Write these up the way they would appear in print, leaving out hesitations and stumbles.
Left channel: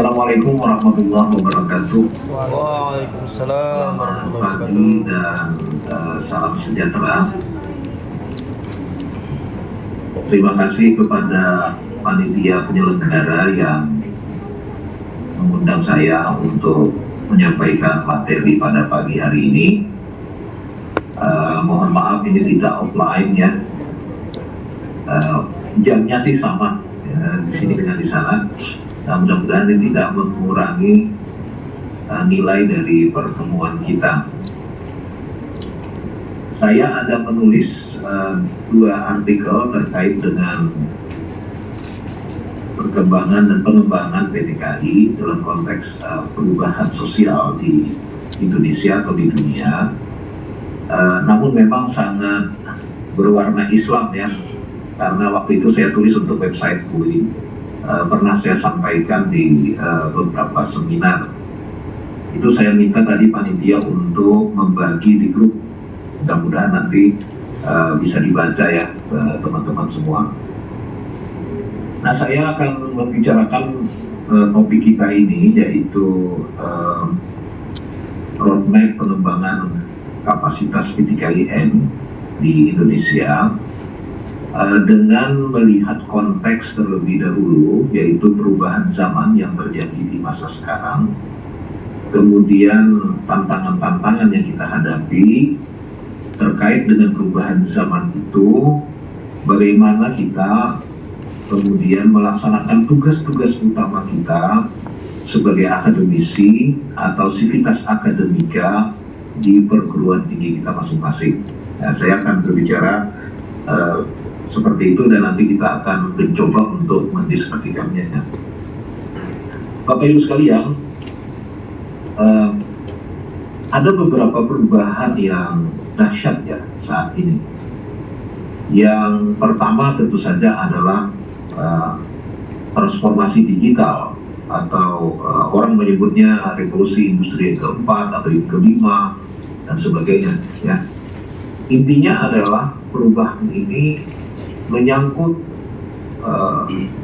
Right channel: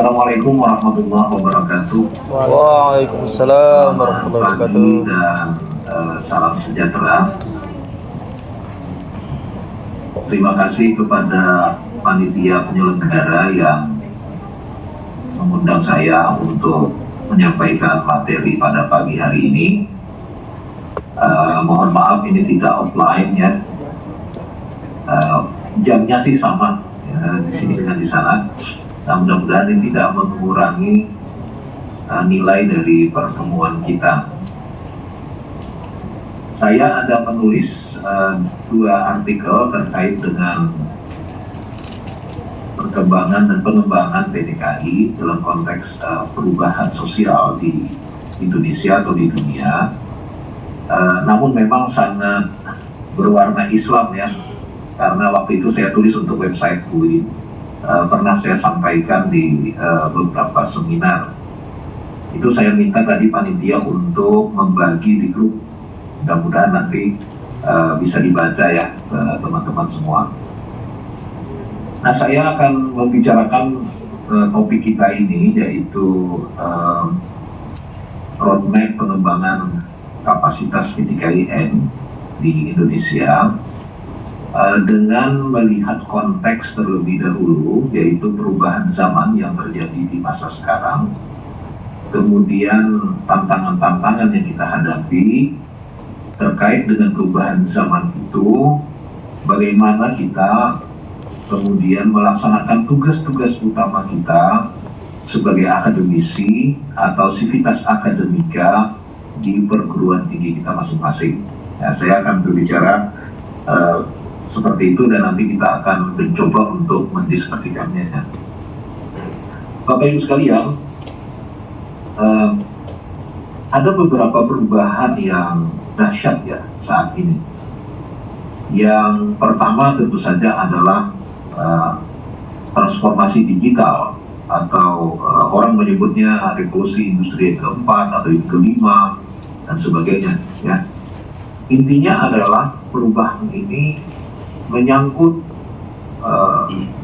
Assalamualaikum warahmatullahi wabarakatuh. Waalaikumsalam warahmatullahi Pagi wabarakatuh. dan salam sejahtera. Terima kasih kepada panitia penyelenggara yang mengundang saya untuk menyampaikan materi pada pagi hari ini. Mohon maaf ini tidak offline ya. Jamnya sih sama ya, di sini dengan di sana. Nah, mudah-mudahan ini tidak mengurangi nilai dari pertemuan kita. Saya ada menulis dua artikel terkait dengan perkembangan dan pengembangan PTKI dalam konteks perubahan sosial di Indonesia atau di dunia. Namun memang sangat berwarna Islam ya, karena waktu itu saya tulis untuk website UI. Pernah saya sampaikan di beberapa seminar. Itu saya minta tadi panitia untuk membagi di grup. Mudah-mudahan nanti bisa dibaca ya teman-teman semua. Nah, saya akan membicarakan topik kita ini, yaitu roadmap pengembangan kapasitas PTKIN di Indonesia dengan melihat konteks terlebih dahulu, yaitu perubahan zaman yang terjadi di masa sekarang, kemudian tantangan-tantangan yang kita hadapi terkait dengan perubahan zaman itu, bagaimana kita kemudian melaksanakan tugas-tugas utama kita sebagai akademisi atau sivitas akademika di perguruan tinggi kita masing-masing. Nah, saya akan berbicara seperti itu dan nanti kita akan mencoba untuk mendiskusikannya. Bapak Ibu sekalian, ada beberapa perubahan yang dahsyat ya saat ini. Yang pertama tentu saja adalah transformasi digital atau orang menyebutnya revolusi industri yang keempat atau yang kelima dan sebagainya ya. Intinya adalah perubahan ini menyangkut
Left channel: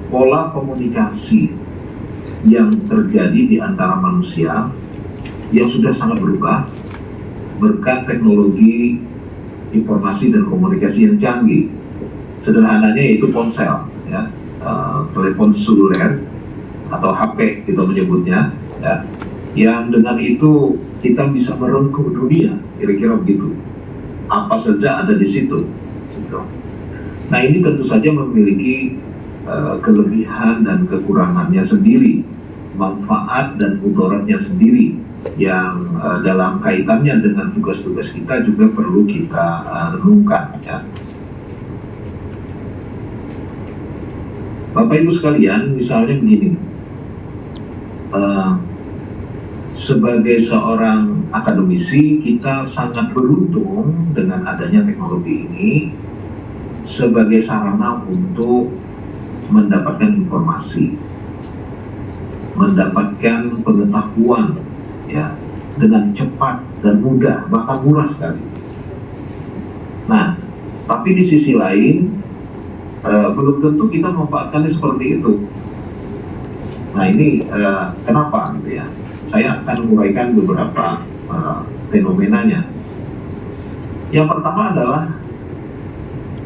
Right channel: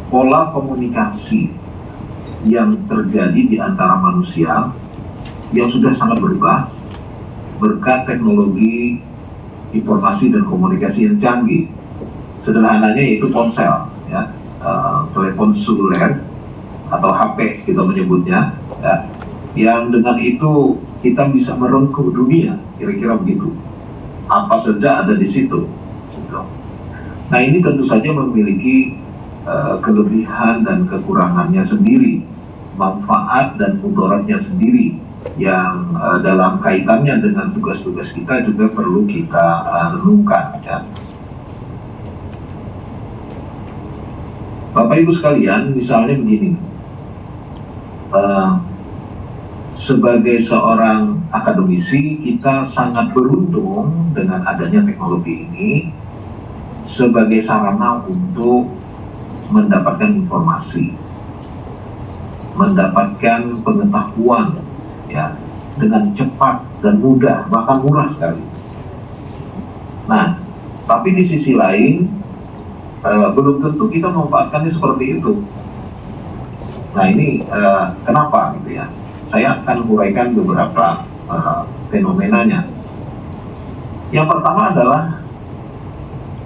pola komunikasi yang terjadi di antara manusia yang sudah sangat berubah berkat teknologi informasi dan komunikasi yang canggih. Sederhananya yaitu ponsel, ya, telepon seluler atau HP kita menyebutnya, ya, yang dengan itu kita bisa merengkuh dunia, kira-kira begitu. Apa saja ada di situ. Gitu. Nah, ini tentu saja memiliki kelebihan dan kekurangannya sendiri, manfaat dan mudaratnya sendiri, yang dalam kaitannya dengan tugas-tugas kita juga perlu kita renungkan ya. Bapak Ibu sekalian, misalnya begini, sebagai seorang akademisi kita sangat beruntung dengan adanya teknologi ini sebagai sarana untuk mendapatkan informasi, mendapatkan pengetahuan ya, dengan cepat dan mudah, bahkan murah sekali. Nah, tapi di sisi lain belum tentu kita memanfaatkannya seperti itu. Nah, ini kenapa gitu ya? Saya akan uraikan beberapa fenomenanya. Yang pertama adalah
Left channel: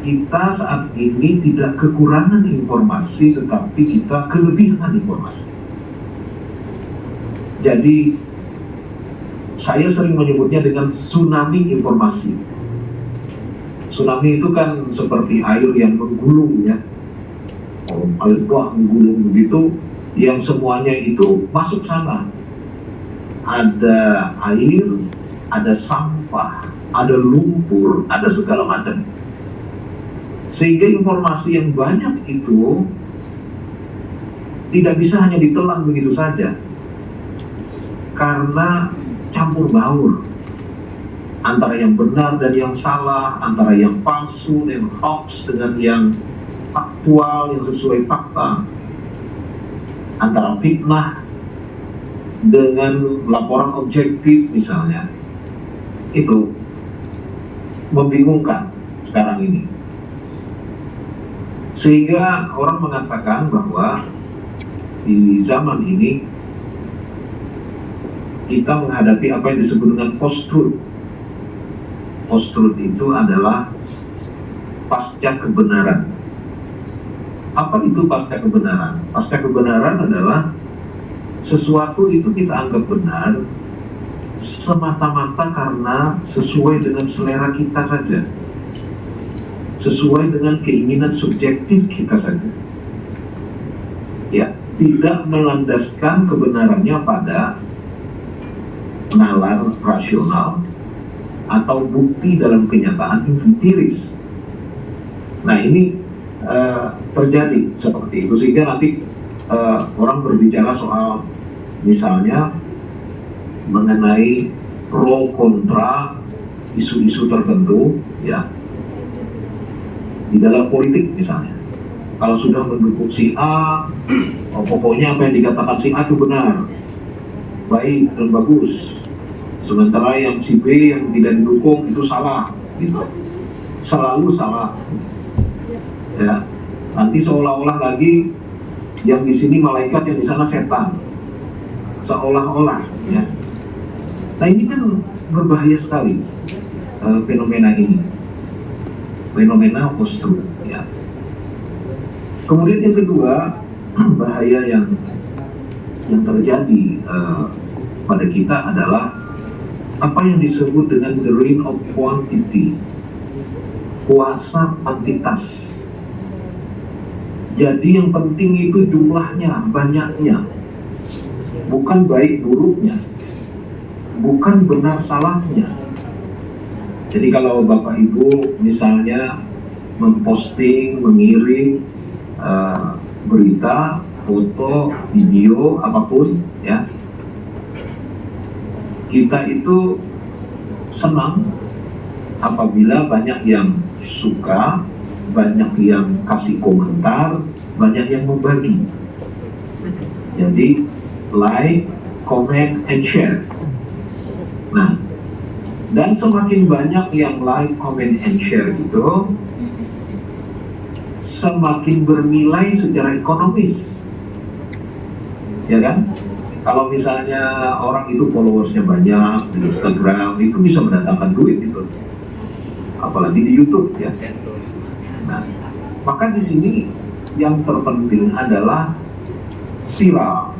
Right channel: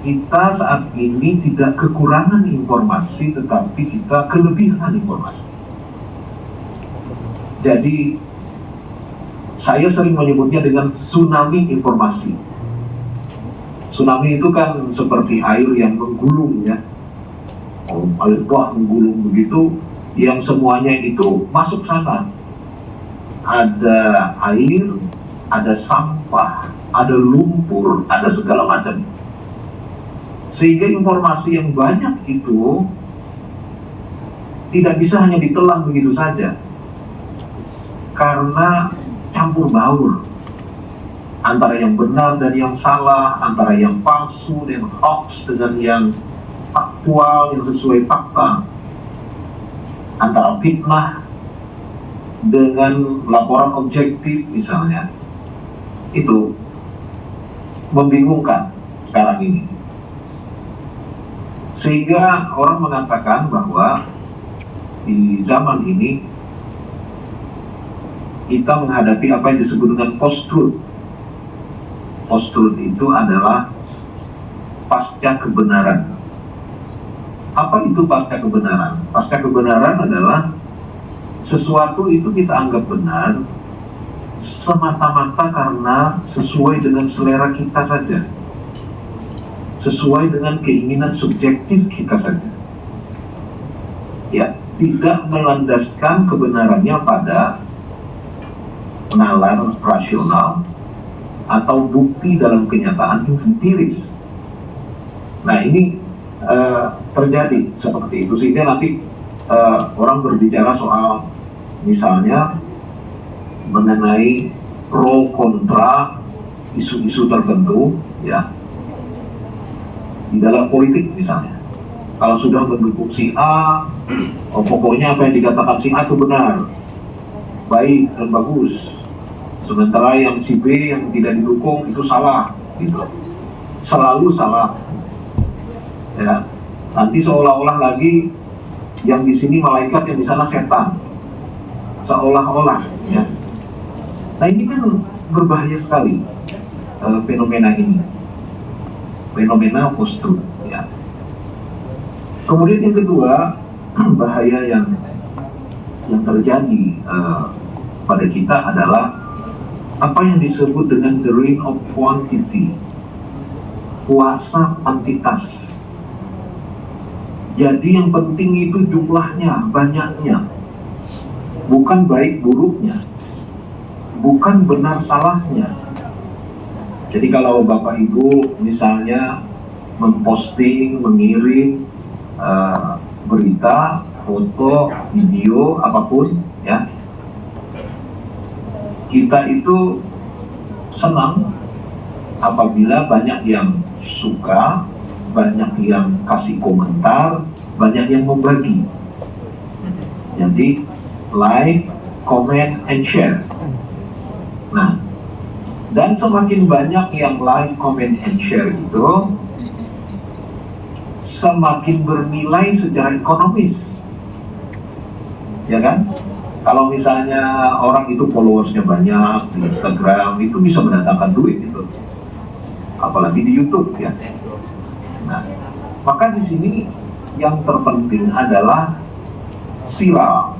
kita saat ini tidak kekurangan informasi, tetapi kita kelebihan informasi. Jadi saya sering menyebutnya dengan tsunami informasi. Tsunami itu kan seperti air yang menggulung ya, air bah menggulung begitu, yang semuanya itu masuk sana. Ada air, ada sampah, ada lumpur, ada segala macam. Sehingga informasi yang banyak itu tidak bisa hanya ditelan begitu saja, karena campur baur antara yang benar dan yang salah, antara yang palsu dan hoax dengan yang faktual, yang sesuai fakta, antara fitnah dengan laporan objektif misalnya. Itu membingungkan sekarang ini, sehingga orang mengatakan bahwa di zaman ini kita menghadapi apa yang disebut dengan post-truth. Post-truth itu adalah pasca kebenaran. Apa itu pasca kebenaran? Pasca kebenaran adalah sesuatu itu kita anggap benar semata-mata karena sesuai dengan selera kita saja, sesuai dengan keinginan subjektif kita saja, ya, tidak melandaskan kebenarannya pada nalar rasional atau bukti dalam kenyataan empiris. Nah, ini terjadi seperti itu, sehingga nanti orang berbicara soal misalnya mengenai pro kontra isu-isu tertentu, ya, di dalam politik misalnya. Kalau sudah mendukung si A, pokoknya apa yang dikatakan si A itu benar, baik dan bagus. Sementara yang si B yang tidak didukung itu salah, gitu. Selalu salah. Ya, nanti seolah-olah lagi yang di sini malaikat, yang di sana setan. Seolah-olah, ya. Nah, ini kan berbahaya sekali fenomena ini. Fenomena post-truth, ya. Kemudian yang kedua, bahaya yang terjadi pada kita adalah apa yang disebut dengan the reign of quantity, kuasa kuantitas. Jadi yang penting itu jumlahnya, banyaknya, bukan baik buruknya, bukan benar salahnya. Jadi kalau Bapak Ibu misalnya memposting, mengirim berita, foto, video, apapun, ya, kita itu senang apabila banyak yang suka, banyak yang kasih komentar, banyak yang membagi. Jadi like, comment, and share. Nah, dan semakin banyak yang like, comment, and share itu, semakin bernilai secara ekonomis, ya kan? Kalau misalnya orang itu followersnya banyak di Instagram, itu bisa mendatangkan duit itu, apalagi di YouTube, ya. Nah, maka di sini yang terpenting adalah viral,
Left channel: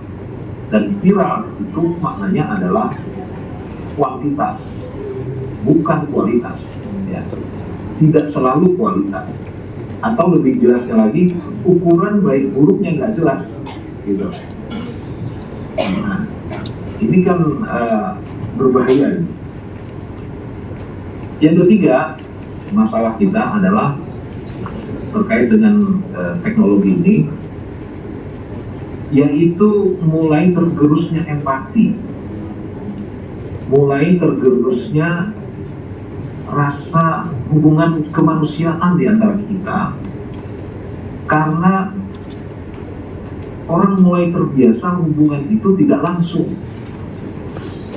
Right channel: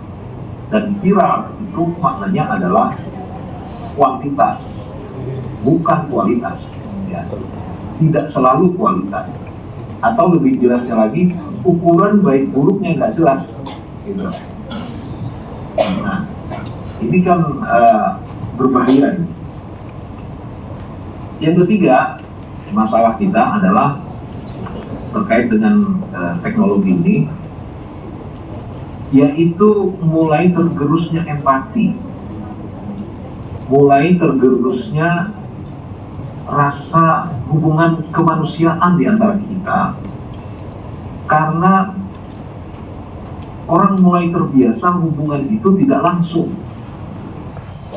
dan viral itu maknanya adalah kuantitas, bukan kualitas, ya. Tidak selalu kualitas, atau lebih jelasnya lagi, ukuran baik buruknya nggak jelas, gitu. Nah, ini kan berbahaya. Yang ketiga, masalah kita adalah terkait dengan teknologi ini, yaitu mulai tergerusnya empati, mulai tergerusnya rasa hubungan kemanusiaan di antara kita, karena orang mulai terbiasa hubungan itu tidak langsung,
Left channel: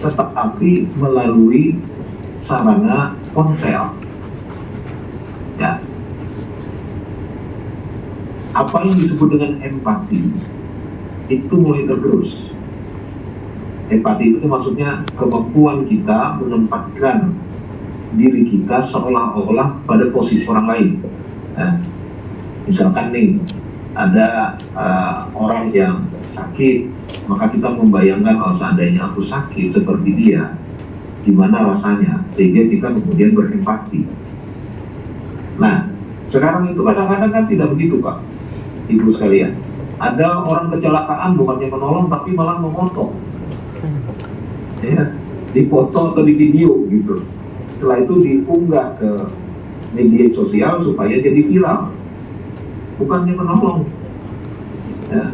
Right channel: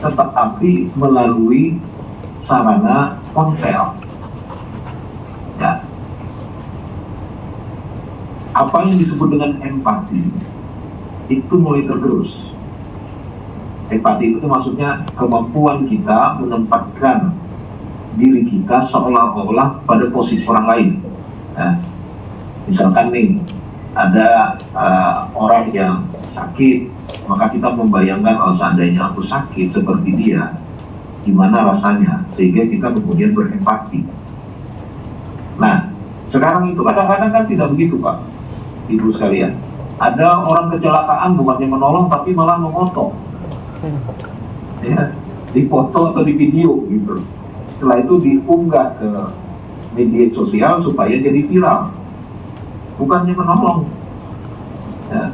tetapi melalui sarana ponsel. Ya. Apa yang disebut dengan empati itu mulai tergerus. Empati itu maksudnya kemampuan kita menempatkan diri kita seolah-olah pada posisi orang lain. Nah, misalkan nih, ada orang yang sakit, maka kita membayangkan, oh seandainya aku sakit seperti dia, gimana rasanya, sehingga kita kemudian berempati. Nah, sekarang itu kadang-kadang kan tidak begitu, Pak, Ibu sekalian. Ada orang kecelakaan, bukannya menolong tapi malah mengotok, ya, di foto atau di video gitu. Setelah itu diunggah ke media sosial supaya jadi viral, bukannya menolong, ya.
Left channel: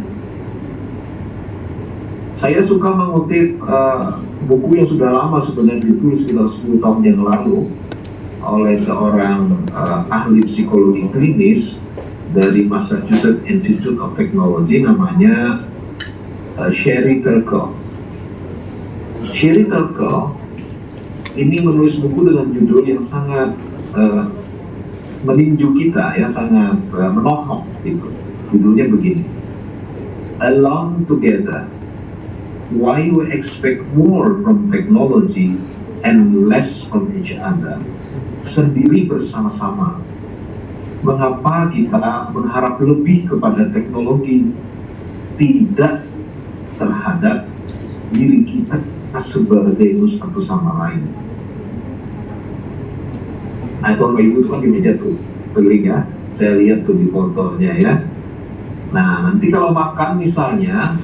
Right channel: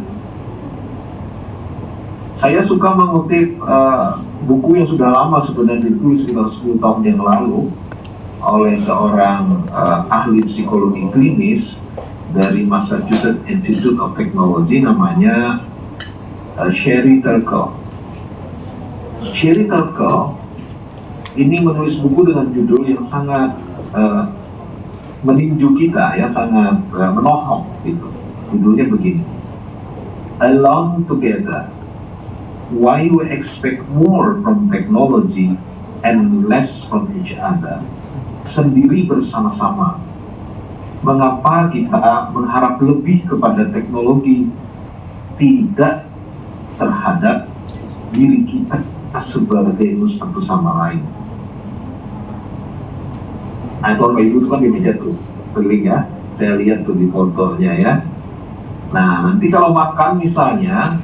Saya suka mengutip buku yang sudah lama sebenarnya, ditulis sekitar 10 tahun yang lalu oleh seorang ahli psikologi klinis dari Massachusetts Institute of Technology, namanya Sherry Turkle. Sherry Turkle ini menulis buku dengan judul yang sangat meninju kita, ya, sangat menohok gitu. Judulnya begini, Alone Together, why we expect more from technology and less from each other, sendiri bersama-sama. Mengapa kita berharap lebih kepada teknologi, tidak terhadap diri kita sebagai satu sama lain? Nah, itu Bapak Ibu itu kan di meja tuh, keliling ya. Saya lihat tuh di fotonya ya. Nah, nanti kalau makan misalnya,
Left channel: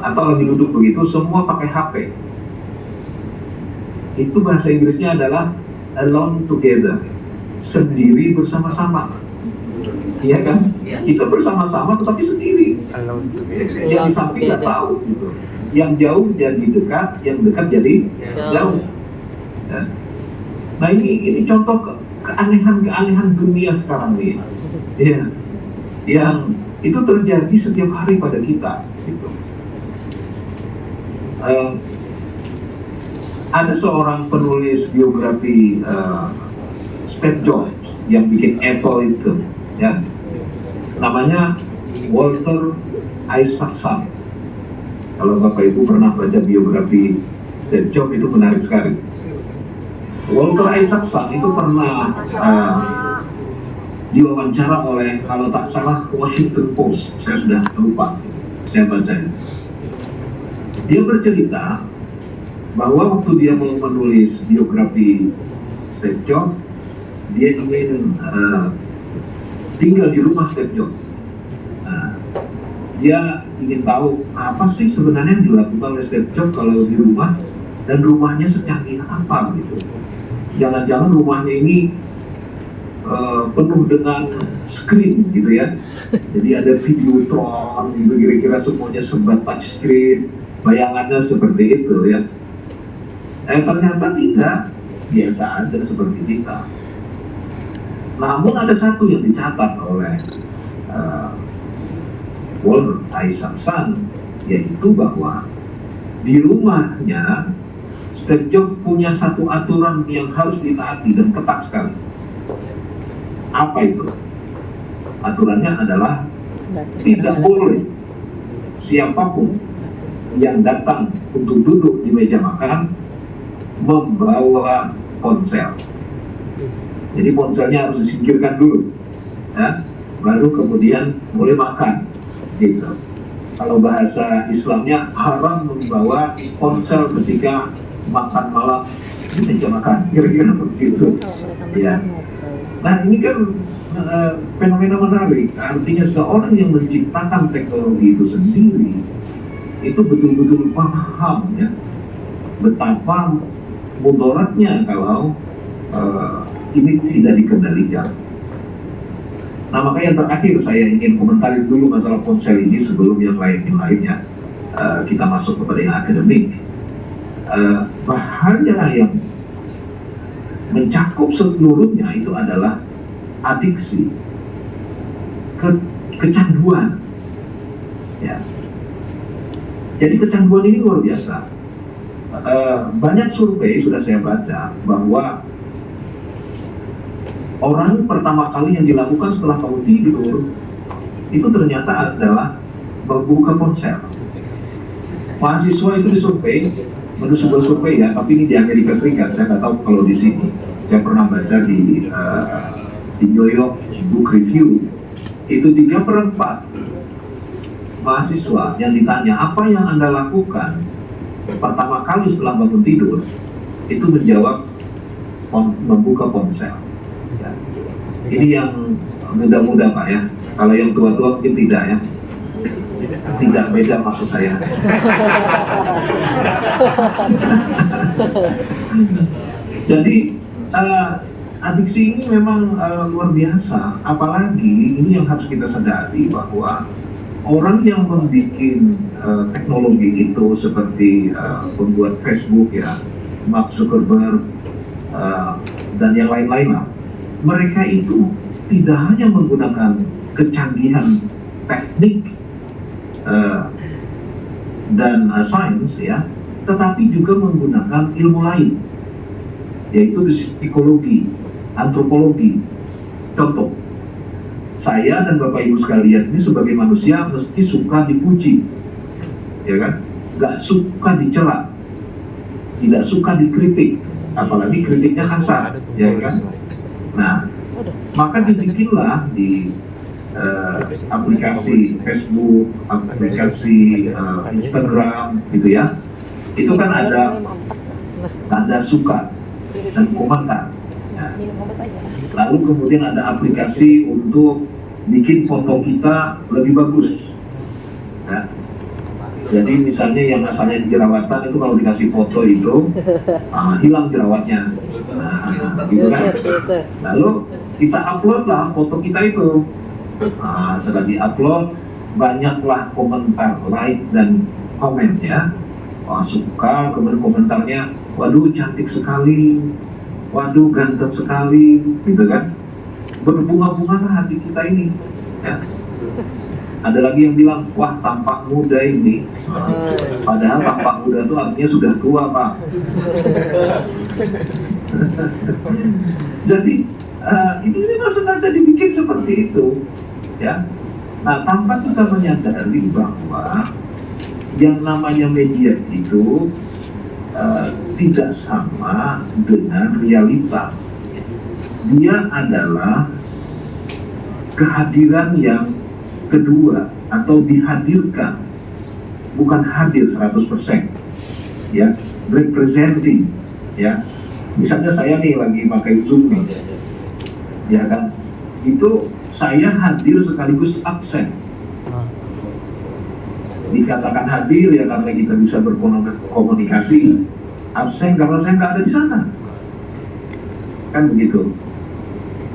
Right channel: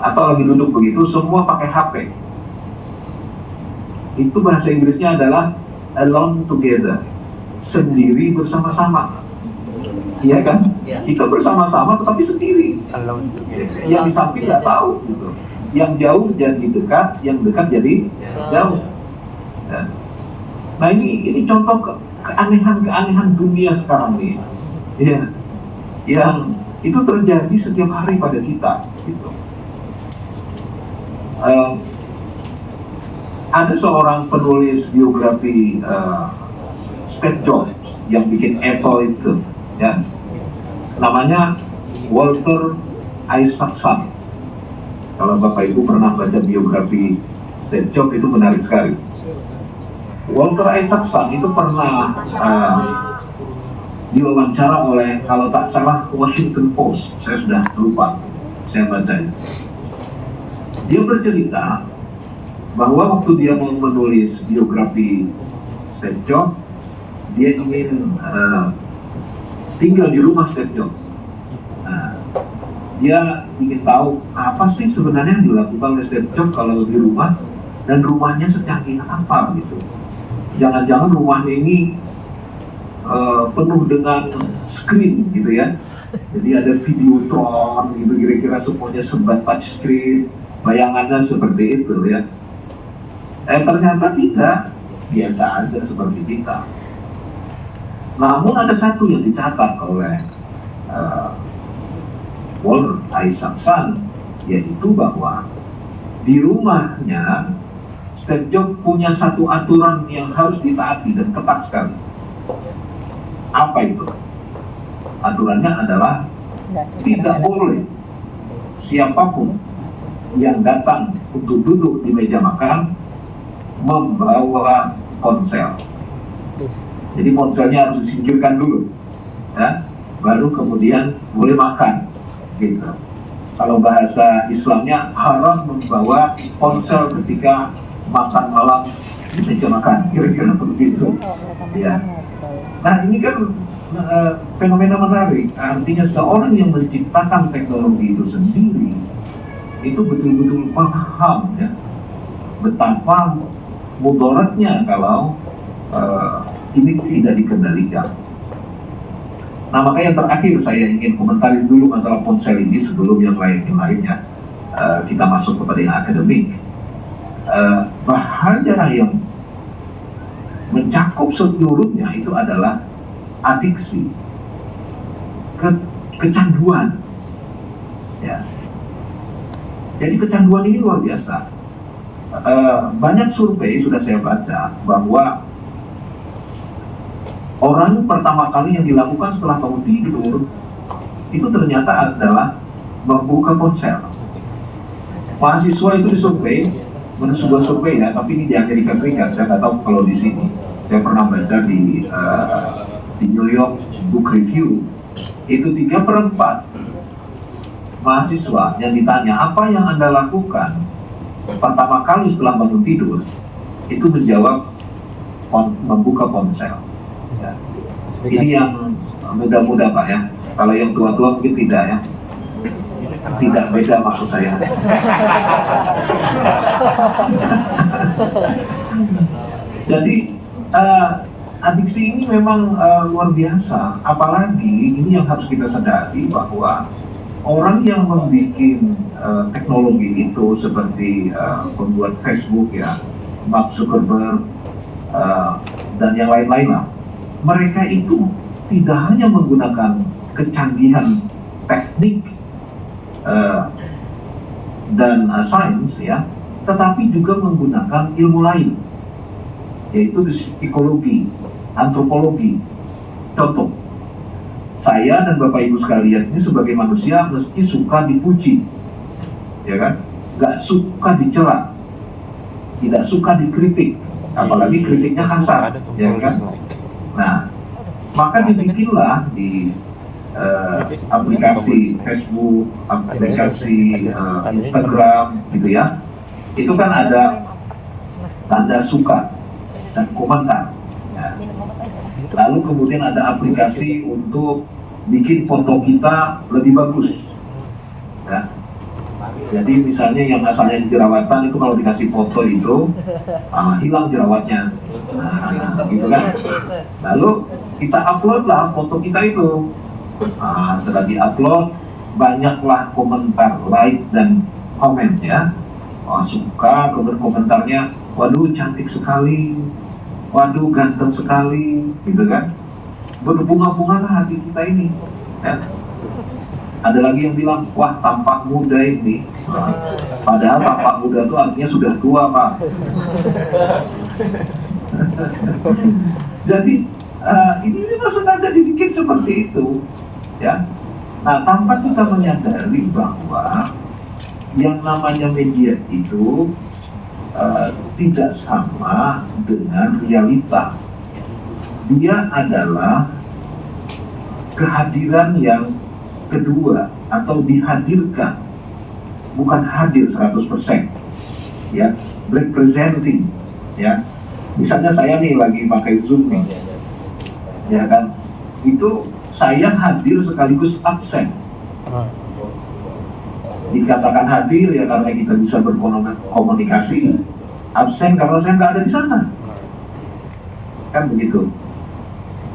atau lagi duduk begitu, semua pakai HP. Itu bahasa Inggrisnya adalah alone together, sendiri bersama-sama. Iya kan? Kita bersama-sama tetapi sendiri. Yang di samping nggak tahu gitu. Yang jauh jadi dekat, yang dekat jadi jauh. Ya. Nah ini contoh keanehan dunia sekarang nih. Ya. Yang itu terjadi setiap hari pada kita. Gitu. Ada seorang penulis biografi Steve Jobs yang bikin Apple itu, ya, namanya Walter Isaacson. Kalau Bapak Ibu pernah baca biografi Steve Jobs itu menarik sekali. Walter Isaacson itu pernah diwawancara oleh, kalau tak salah, Washington Post. Saya sudah lupa, saya baca itu. Dia bercerita bahwa waktu dia mau menulis biografi Steve Jobs, dia ingin tinggal di rumah Steve Jobs. Nah, dia ingin tahu apa sih sebenarnya yang dilakukan oleh Steve Jobs kalau di rumah, dan rumahnya secanggih apa gitu. Jangan-jangan rumahnya ini penuh dengan screen gitu ya. Jadi ada videotron gitu, kira-kira semuanya serba touch screen. Bayangannya seperti itu ya. Ternyata tidak, biasa aja seperti kita. Namun ada satu yang dicatat oleh Walter Isaacson, yaitu bahwa di rumahnya Steve Jobs punya satu aturan yang harus ditaati dan ketat sekali. Apa itu? Aturannya adalah tidak boleh siapapun yang datang untuk duduk di meja makan membawa ponsel. Jadi ponselnya harus disingkirkan dulu, ya, baru kemudian boleh makan. Gitu. Kalau bahasa Islamnya haram membawa ponsel ketika makan malam di meja makan, kira-kira begitu. Ya. Nah ini kan fenomena menarik. Artinya seorang yang menciptakan teknologi itu sendiri itu betul-betul paham ya betapa mudaratnya kalau ini tidak dikendalikan. Nah makanya yang terakhir saya ingin komentari dulu masalah ponsel ini sebelum yang lainnya kita masuk kepada yang akademik. Bahaya yang mencakup seluruhnya itu adalah adiksi, kecanduan. Ya. Jadi kecanduan ini luar biasa. Banyak survei sudah saya baca bahwa orang pertama kali yang dilakukan setelah bangun tidur itu ternyata adalah membuka ponsel. Mahasiswa itu disurvei, menurut sebuah survei ya, tapi ini di Amerika Serikat, saya nggak tahu kalau di sini. Saya pernah baca di New York Book Review, itu 3/4 mahasiswa yang ditanya apa yang Anda lakukan pertama kali setelah bangun tidur, itu menjawab membuka ponsel. Ya. Ini yang muda-muda Pak ya. Kalau yang tua-tua mungkin tidak ya. Tidak beda maksud saya. Jadi adiksi ini memang luar biasa. Apalagi ini yang harus kita sadari bahwa orang yang membuat teknologi itu seperti pembuat Facebook ya, Mark Zuckerberg dan yang lain-lain lah, mereka itu tidak hanya menggunakan kecanggihan teknik dan sains ya, tetapi juga menggunakan ilmu lain, yaitu psikologi, antropologi. Contoh, saya dan Bapak Ibu sekalian ini sebagai manusia mesti suka dipuji, ya kan? Nggak suka dicela, tidak suka dikritik, apalagi kritiknya kasar, ya kan? Nah, maka dibikinlah di aplikasi Facebook, aplikasi Instagram, gitu ya. Itu kan ada tanda suka dan komentar. Ya. Lalu kemudian ada aplikasi untuk bikin foto kita lebih bagus. Ya. Jadi misalnya yang asalnya jerawatan itu kalau dikasih foto itu hilang jerawatnya, gitu kan. Lalu kita upload lah foto kita itu. Setelah di-upload, banyaklah komentar, like dan komen ya. Suka, kemudian komentarnya, waduh cantik sekali, waduh ganteng sekali, gitu kan. Berbunga-bunga lah hati kita ini ya. Ada lagi yang bilang, wah tampak muda ini. Padahal tampak muda itu artinya sudah tua, Pak. Jadi ini memang sengaja dibikin seperti itu, ya. Nah, tanpa kita menyadari bahwa yang namanya media itu tidak sama dengan realita. Dia adalah kehadiran yang kedua atau dihadirkan, bukan hadir 100%, ya, representing, ya. Misalnya saya nih lagi pakai Zoom nih, ya kan, itu saya hadir sekaligus absen. Dikatakan hadir ya karena kita bisa berkomunikasi, absen karena saya nggak ada di sana, kan begitu.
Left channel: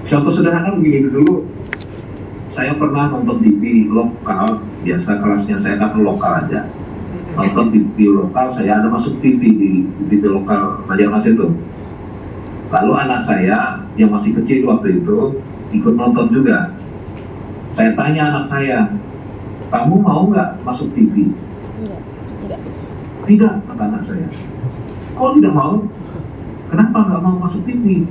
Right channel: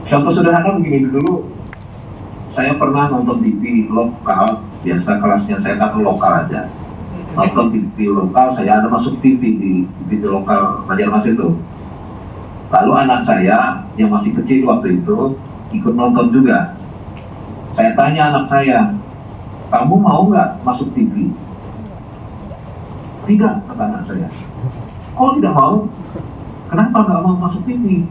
Contoh sederhana begini dulu, saya pernah nonton TV lokal, biasa kelasnya saya kan lokal aja. Nonton TV lokal, saya ada masuk TV di TV lokal Banjarmasin itu. Lalu anak saya yang masih kecil waktu itu ikut nonton juga. Saya tanya anak saya, kamu mau nggak masuk TV? Tidak, kata anak saya. Kok tidak mau? Kenapa nggak mau masuk TV?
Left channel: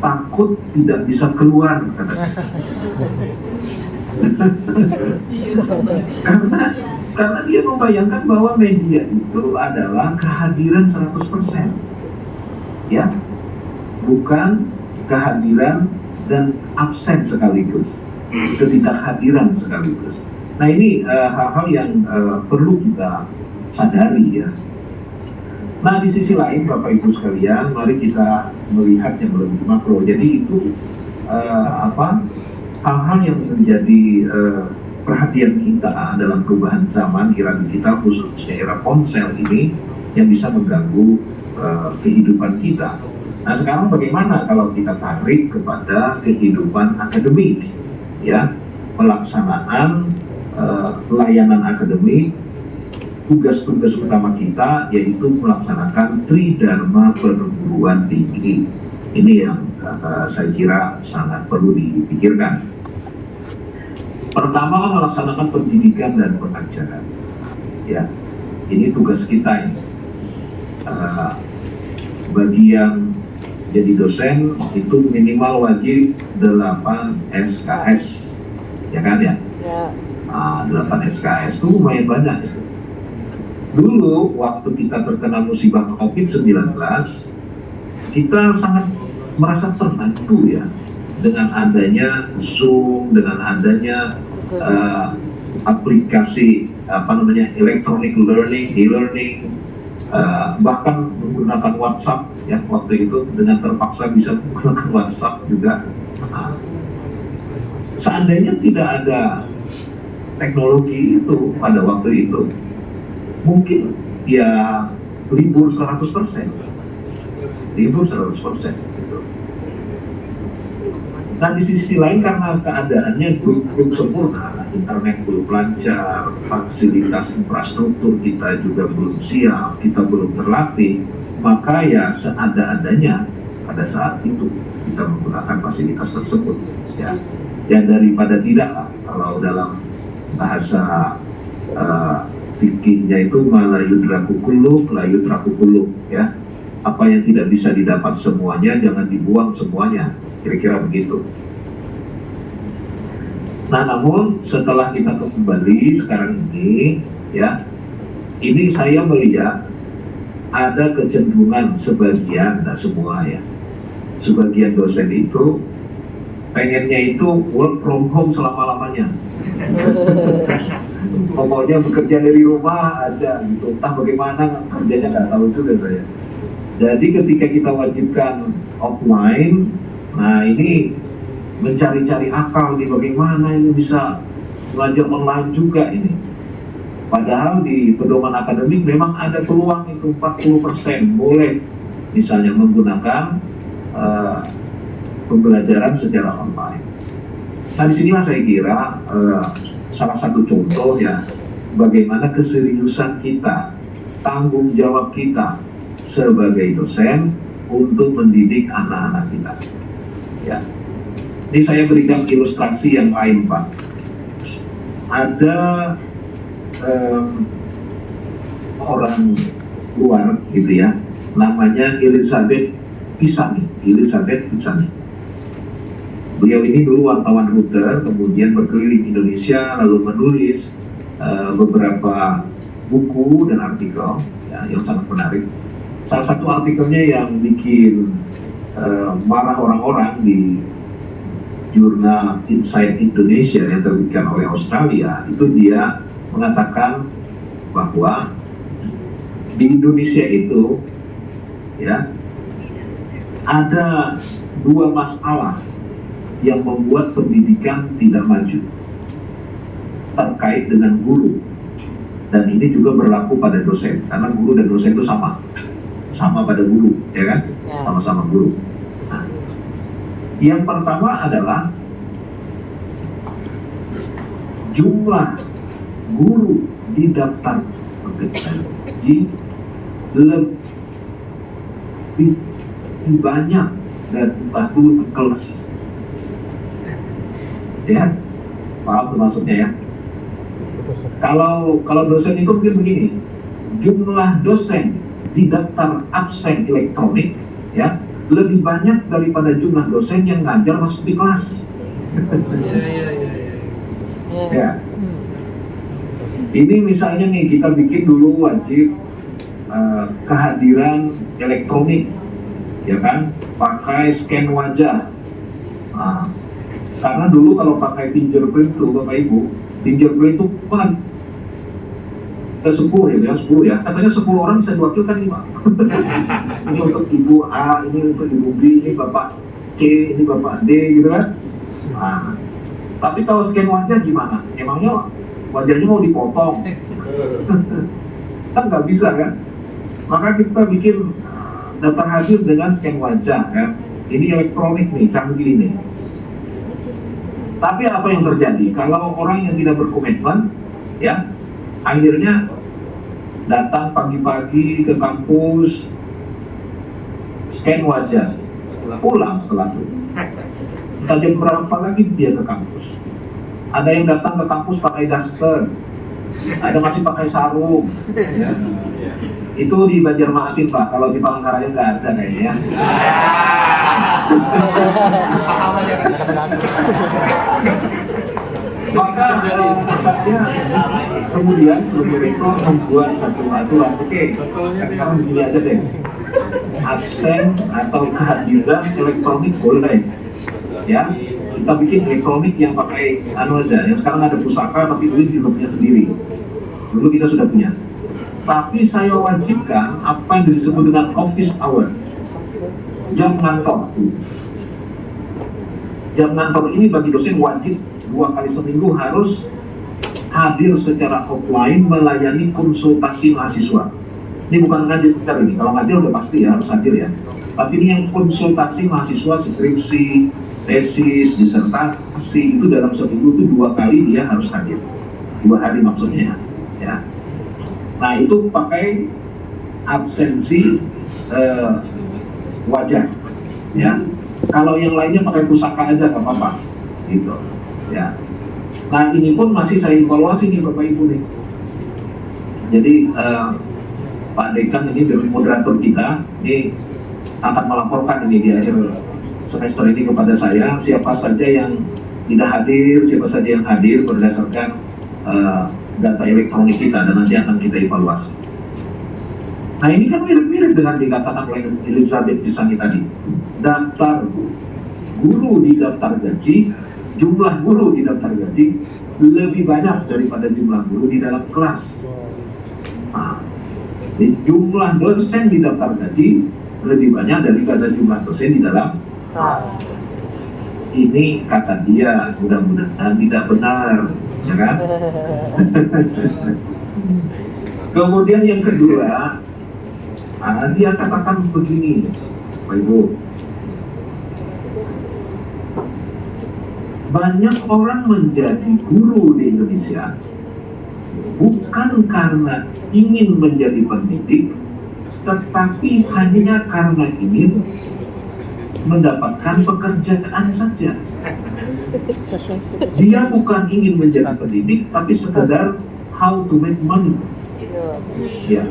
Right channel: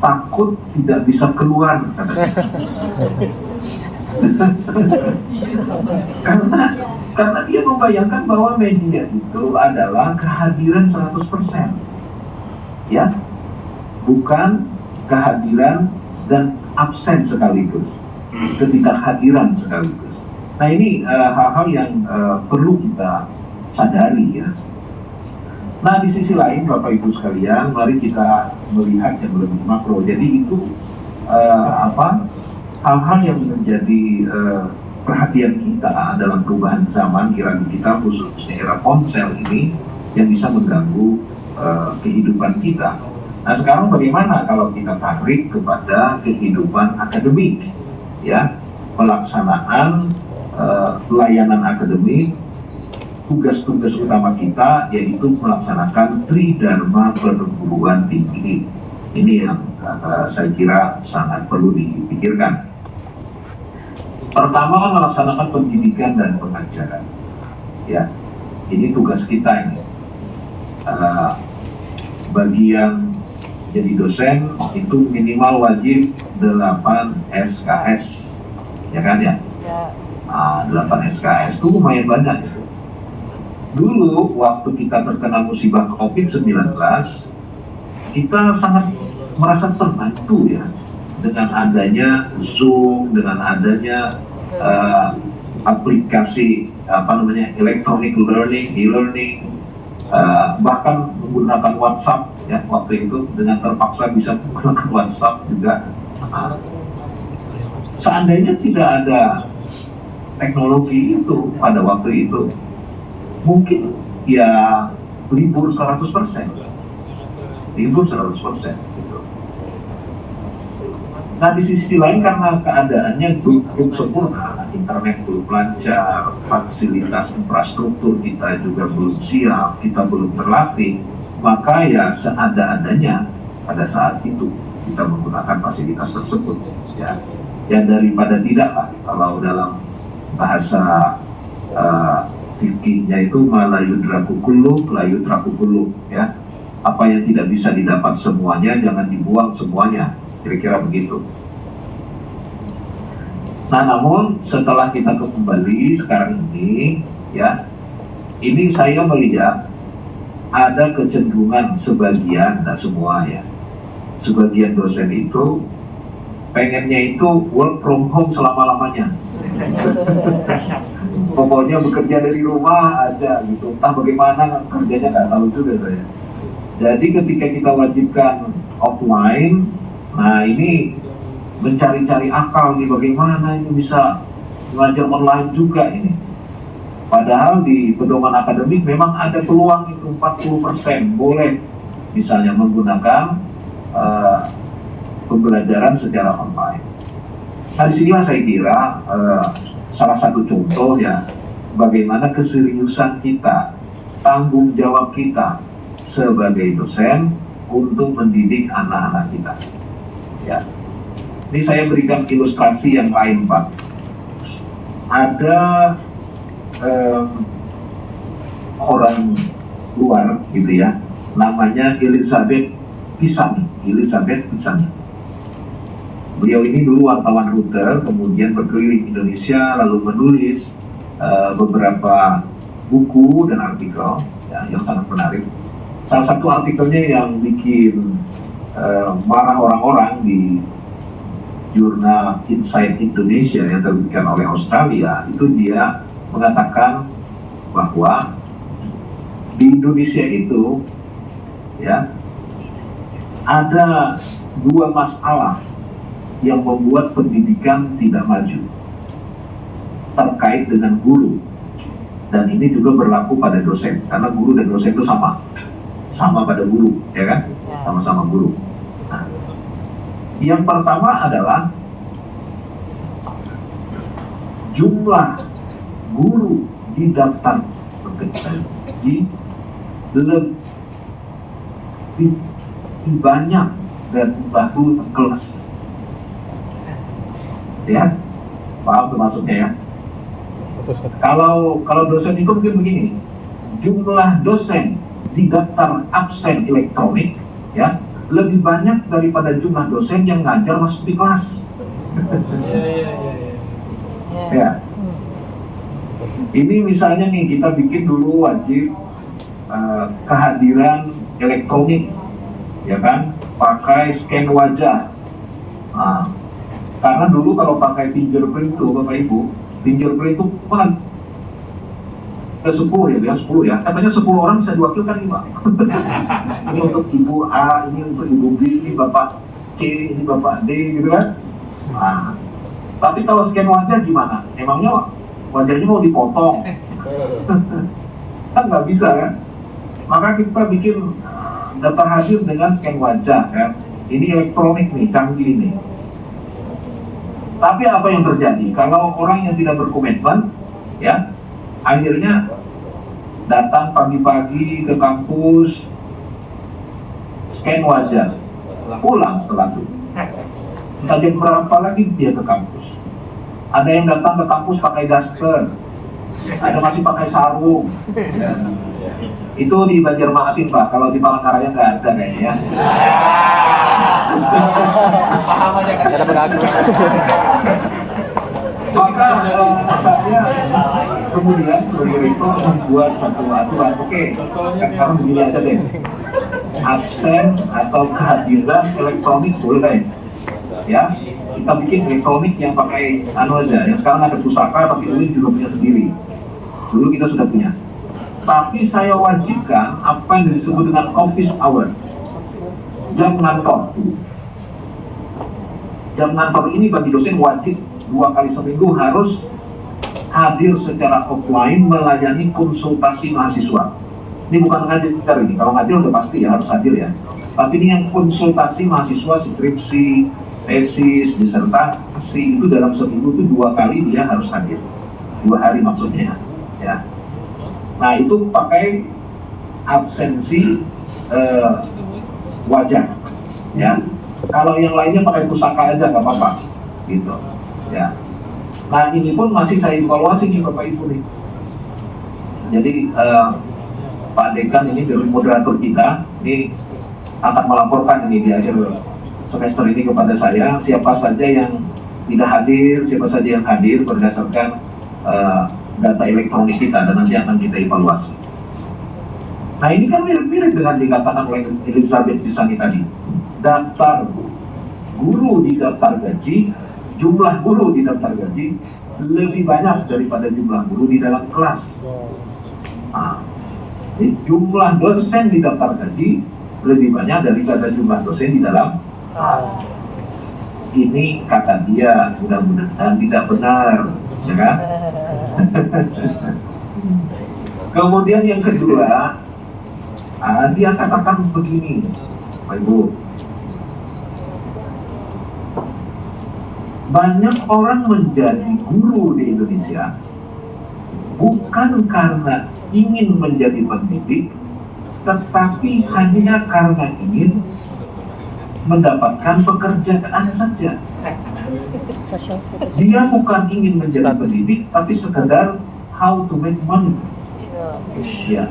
Takut tidak bisa keluar, katanya. karena dia membayangkan bahwa media itu adalah kehadiran 100%, ya, bukan kehadiran dan absen sekaligus, ketidakhadiran sekaligus. Nah ini hal-hal yang perlu kita sadari ya. Nah di sisi lain Bapak Ibu sekalian, mari kita melihat yang lebih makro. Jadi itu hal-hal yang menjadi perhatian kita dalam perubahan zaman era digital, khususnya era ponsel ini yang bisa mengganggu kehidupan kita. Nah sekarang bagaimana kalau kita tarik kepada kehidupan akademik, ya, pelaksanaan pelayanan akademik, tugas-tugas utama kita yaitu melaksanakan Tridharma perguruan tinggi. Ini yang saya kira sangat perlu dipikirkan. Pertama, melaksanakan pendidikan dan pengajaran. Ya, ini tugas kita ini. Bagi yang jadi dosen itu minimal wajib 8 SKS, ya kan ya? 8 SKS itu lumayan banyak itu. Dulu waktu kita terkena musibah COVID-19, kita sangat merasa terbantu ya dengan adanya Zoom, dengan adanya aplikasi electronic learning, e-learning, bahkan menggunakan WhatsApp ya waktu itu, dengan terpaksa bisa menggunakan WhatsApp juga. Seandainya tidak ada teknologi itu pada waktu itu, mungkin ya libur 100%, libur 100% gitu. Nah di sisi lain karena keadaannya belum sempurna, internet belum lancar, fasilitas infrastruktur kita juga belum siap, kita belum terlatih, maka ya seada-adanya pada saat itu kita menggunakan fasilitas tersebut ya. Ya daripada tidak lah, kalau dalam bahasa fikihnya itu malayudraku kullu layudraku kullu ya, apa yang tidak bisa didapat semuanya jangan dibuang semuanya, kira-kira begitu. Nah namun setelah kita kembali sekarang ini, ya. Ini saya melihat ada kecenderungan sebagian, tidak semua ya, sebagian dosen itu pengennya itu work from home selama-lamanya. Pokoknya bekerja dari rumah aja gitu, entah bagaimana kerjanya nggak tahu juga saya. Jadi ketika kita wajibkan offline, nah ini mencari-cari akal nih bagaimana ini bisa mengajar online juga ini. Padahal di pedoman akademik memang ada peluang itu 40% boleh misalnya menggunakan pembelajaran secara online. Nah disinilah saya kira salah satu contoh ya bagaimana keseriusan kita, tanggung jawab kita sebagai dosen untuk mendidik anak-anak kita. Ya, ini saya berikan ilustrasi yang lain Pak. Ada orang luar gitu ya, namanya Elizabeth Pisani. Beliau ini dulu wartawan Reuters, kemudian berkeliling Indonesia, lalu menulis beberapa buku dan artikel ya, yang sangat menarik. Salah satu artikelnya yang bikin marah orang-orang di jurnal Inside Indonesia yang terbitkan oleh Australia, itu dia mengatakan bahwa di Indonesia itu ya ada dua masalah yang membuat pendidikan tidak maju terkait dengan guru, dan ini juga berlaku pada dosen karena guru dan dosen itu sama pada guru ya kan, sama-sama guru. Nah, yang pertama adalah jumlah guru di daftar gaji lebih banyak dari jumlah kelas. Ya, paham termasuknya ya. Kalau dosen itu mungkin begini, jumlah dosen di daftar absen elektronik ya lebih banyak daripada jumlah dosen yang ngajar masuk di kelas. Ya. Ini misalnya nih kita bikin dulu wajib kehadiran elektronik, ya kan, pakai scan wajah. Nah, karena dulu kalau pakai fingerprint tuh Bapak Ibu, fingerprint itu kan 10 ya, 10 ya. Katanya 10 orang bisa diwakilkan 5. Ini untuk Ibu A, ini untuk Ibu B, ini Bapak C, ini Bapak D gitu kan. Nah, tapi kalau scan wajah gimana? Emangnya wajahnya mau dipotong? Kan nggak bisa kan? Maka kita bikin daftar hadir dengan scan wajah kan. Ini elektronik nih, canggih nih. Tapi apa yang terjadi? Kalau orang yang tidak berkomitmen, ya, akhirnya datang pagi-pagi ke kampus, scan wajah, pulang setelah itu. Tadi berapa lagi dia ke kampus? Ada yang datang ke kampus pakai daster, ada masih pakai sarung. Ya. Itu di Banjarmasin Pak, kalau di Palangkaraya nggak ada kayaknya ya. Maka saya kemudian sebagai rektor membuat satu aturan. Oke, sekarang begini aja deh, absen atau kehadiran elektronik boleh ya, kita bikin elektronik yang pakai aja, yang sekarang ada pusaka tapi ini juga punya sendiri. Dulu kita sudah punya, tapi saya wajibkan apa yang disebut dengan office hour, jam kantor. Jam kantor ini bagi dosen wajib 2 kali seminggu harus hadir secara offline melayani konsultasi mahasiswa. Ini bukan ngajar ini, kalau ngajar udah pasti ya harus hadir ya. Tapi ini yang konsultasi mahasiswa, skripsi, tesis, disertasi, itu dalam seminggu itu 2 kali dia harus hadir. 2 hari maksudnya ya. Nah itu pakai absensi wajah ya. Kalau yang lainnya pakai pusaka aja nggak apa-apa gitu ya. Nah ini pun masih saya evaluasi nih Bapak Ibu nih. Jadi Pak Dekan ini dari moderator kita ini akan melaporkan ini di akhir semester ini kepada saya siapa saja yang tidak hadir, siapa saja yang hadir berdasarkan data elektronik kita dan nanti akan kita evaluasi. Nah ini kan mirip-mirip dengan dikatakan oleh Elizabeth Pisani tadi. Daftar guru di daftar gaji, jumlah guru di daftar gaji lebih banyak daripada jumlah guru di dalam kelas. Nah, jumlah dosen di daftar gaji lebih banyak daripada jumlah dosen di dalam kelas. Ini kata dia, mudah-mudahan tidak benar, ya kan? Kemudian yang kedua, dia katakan begini, Pak Ibu, banyak orang menjadi guru di Indonesia bukan karena ingin menjadi pendidik, tetapi hanya karena ingin mendapatkan pekerjaan saja. Dia bukan ingin menjadi pendidik, tapi sekedar how to make money. Ya.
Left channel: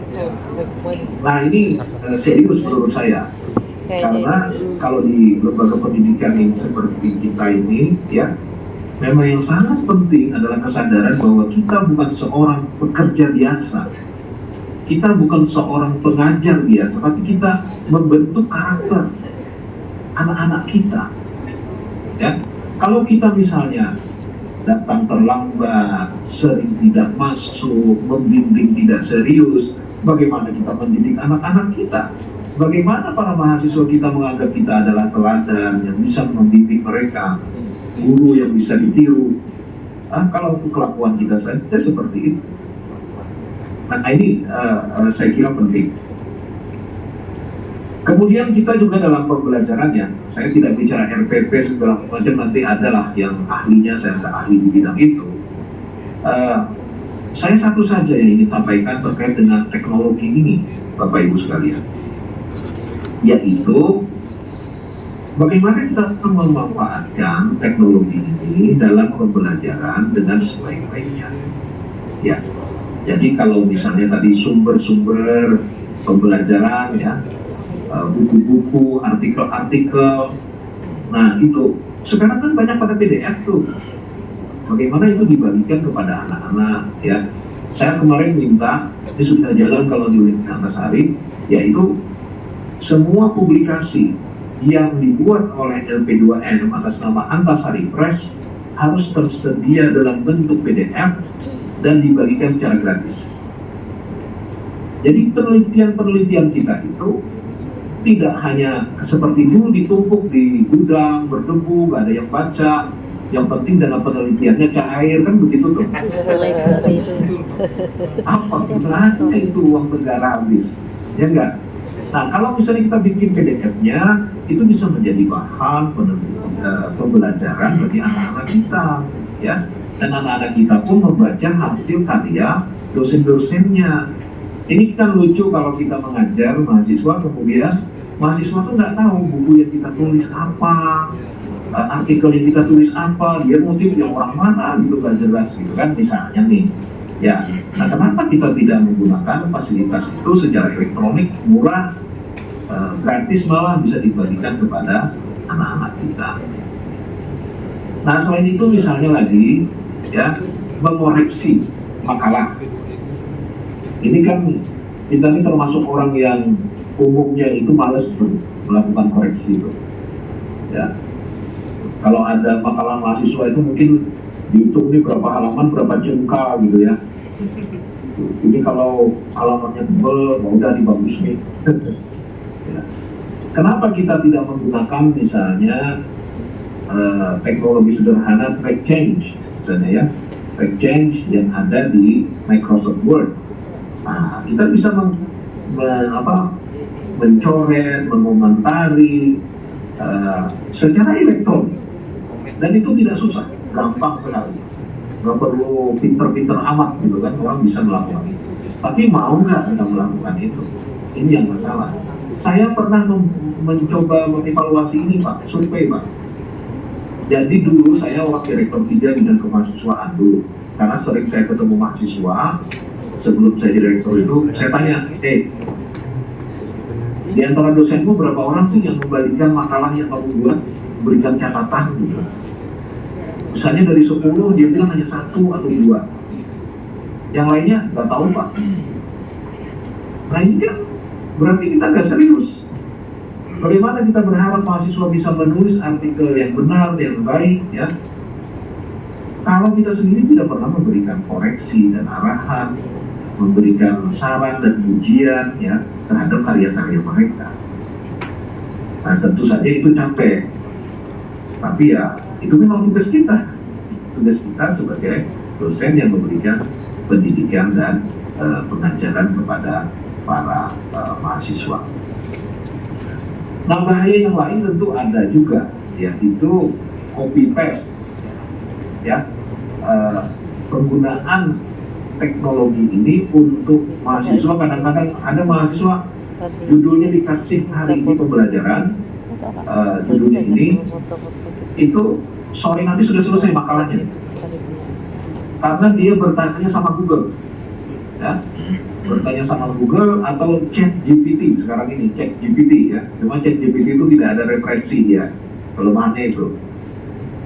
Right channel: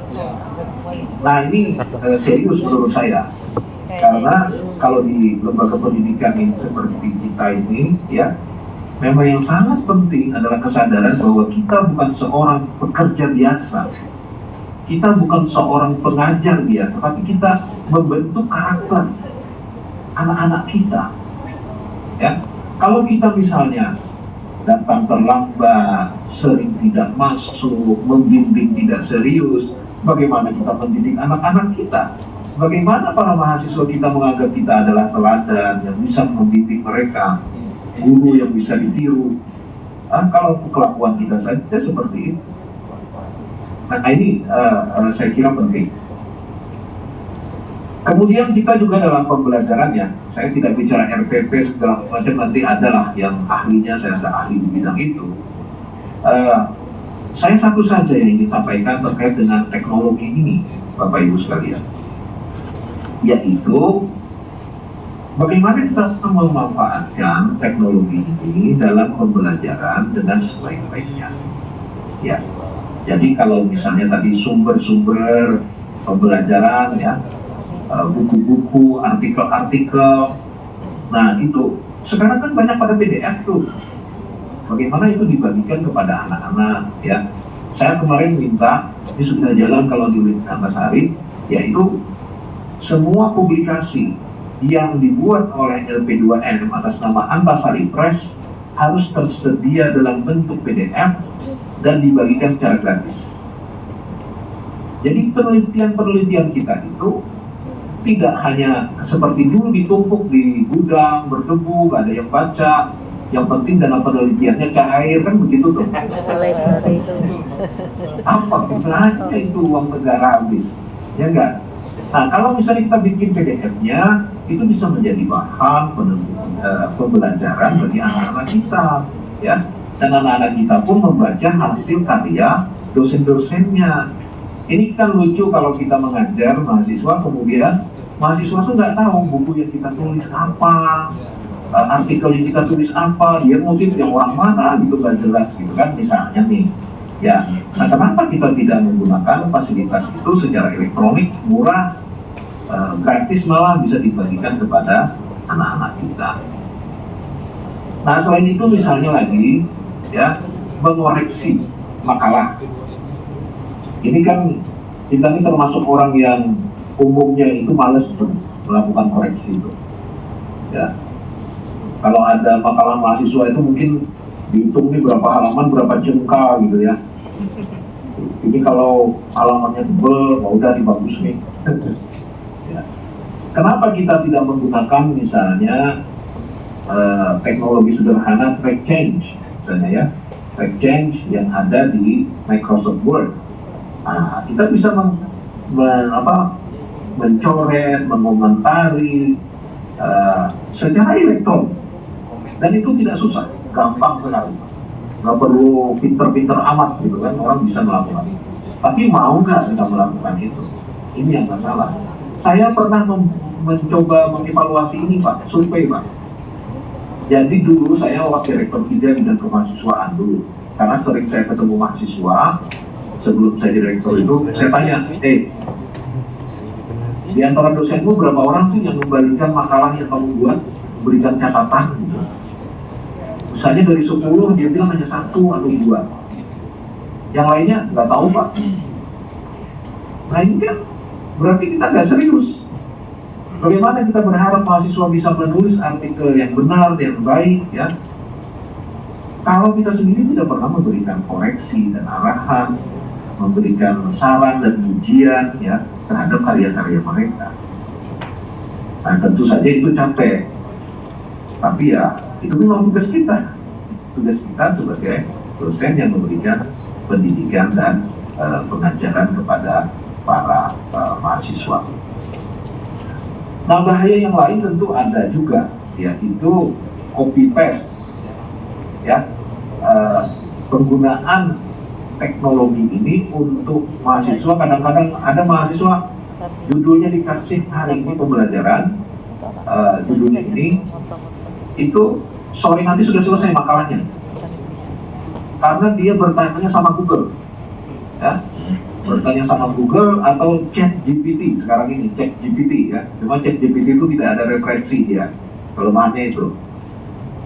Nah ini serius menurut saya, karena kalau di lembaga pendidikan ini seperti kita ini, ya, memang yang sangat penting adalah kesadaran bahwa kita bukan seorang pekerja biasa, kita bukan seorang pengajar biasa, tapi kita membentuk karakter anak-anak kita. Ya, kalau kita misalnya datang terlambat, sering tidak masuk, membimbing tidak serius, bagaimana kita mendidik anak-anak kita? Bagaimana para mahasiswa kita menganggap kita adalah teladan yang bisa membimbing mereka, guru yang bisa ditiru? Kalau kelakuan kita saja seperti itu. Nah ini saya kira penting. Kemudian kita juga dalam pembelajarannya, saya tidak bicara RPP segala macam, nanti adalah yang ahlinya, saya nggak ahli di bidang itu. Saya satu saja yang ingin sampaikan terkait dengan teknologi ini, Bapak Ibu sekalian, yaitu bagaimana kita memanfaatkan teknologi ini dalam pembelajaran dengan sebaik-baiknya. Ya, jadi kalau misalnya tadi sumber-sumber pembelajaran, ya, buku-buku, artikel-artikel, nah itu sekarang kan banyak pada PDF tuh. Bagaimana itu dibagikan kepada anak-anak, ya? Saya kemarin minta, ini sudah jalan kalau di Antasari, yaitu semua publikasi yang dibuat oleh LP2M atas nama Antasari Press harus tersedia dalam bentuk PDF dan dibagikan secara gratis. Jadi penelitian-penelitian kita itu tidak hanya seperti dulu ditumpuk di gudang, berdebu, gak ada yang baca. Yang penting dalam penelitiannya cair, kan begitu tuh. Apa gunanya itu uang negara habis? Ya enggak? Nah kalau misalnya kita bikin PDF-nya, itu bisa menjadi bahan pembelajaran bagi anak-anak kita, ya. Dan anak-anak kita pun membaca hasil karya dosen-dosennya. Ini kan lucu kalau kita mengajar mahasiswa, kemudian mahasiswa tuh nggak tahu buku yang kita tulis apa, artikel yang kita tulis apa, dia motif yang orang mana gitu, nggak jelas gitu kan, misalnya nih. Ya, nah kenapa kita tidak menggunakan fasilitas itu secara elektronik, murah, gratis, malah bisa dibagikan kepada anak-anak kita. Nah selain itu misalnya lagi, ya, mengoreksi makalah. Ini kan kita ini termasuk orang yang umumnya itu malas melakukan koreksi itu. Ya, kalau ada makalah mahasiswa itu mungkin dihitung nih berapa halaman, berapa jengkal gitu ya. Ini kalau halamannya tebal, mau udah dibagus nih. Ya. Kenapa kita tidak menggunakan misalnya teknologi sederhana track change, misalnya ya, track change yang ada di Microsoft Word. Nah, kita bisa mencoret, mengomentari secara elektronik, dan itu tidak susah, gampang sekali, nggak perlu pinter-pinter amat gitu kan, orang bisa melakukan. Tapi mau nggak kita melakukan itu? Ini yang nggak salah. Saya pernah mencoba mengevaluasi ini Pak, survei Pak. Jadi dulu saya wakil rektor 3 bidang kemahasiswaan dulu, karena sering saya ketemu mahasiswa. Sebelum saya direktur itu, saya tanya, di antara dosenmu berapa orang sih yang membagikan makalah yang kamu buat, berikan catatan gitu. Misalnya dari 10, dia bilang hanya 1 atau 2. yang lainnya nggak tahu Pak. Nah ini kan berarti kita nggak serius. Bagaimana kita berharap mahasiswa bisa menulis artikel yang benar, yang baik, ya? Kalau kita sendiri tidak pernah memberikan koreksi dan arahan, memberikan saran dan pujian, ya, terhadap karya-karya mereka. Nah tentu saja itu capek. Tapi ya itu memang tugas kita. Tugas kita sebagai dosen yang memberikan pendidikan dan pengajaran kepada para mahasiswa. Nah bahaya yang lain tentu ada juga, yaitu copy paste, ya, penggunaan teknologi ini untuk mahasiswa. Kadang-kadang ada mahasiswa judulnya dikasih hari ini pembelajaran, judulnya ini, itu sore nanti sudah selesai makalahnya, karena dia bertanya sama Google, ya. Bertanya sama Google atau Chat GPT sekarang ini, Chat GPT, ya. Memang Chat GPT itu tidak ada referensi dia, kelemahannya itu.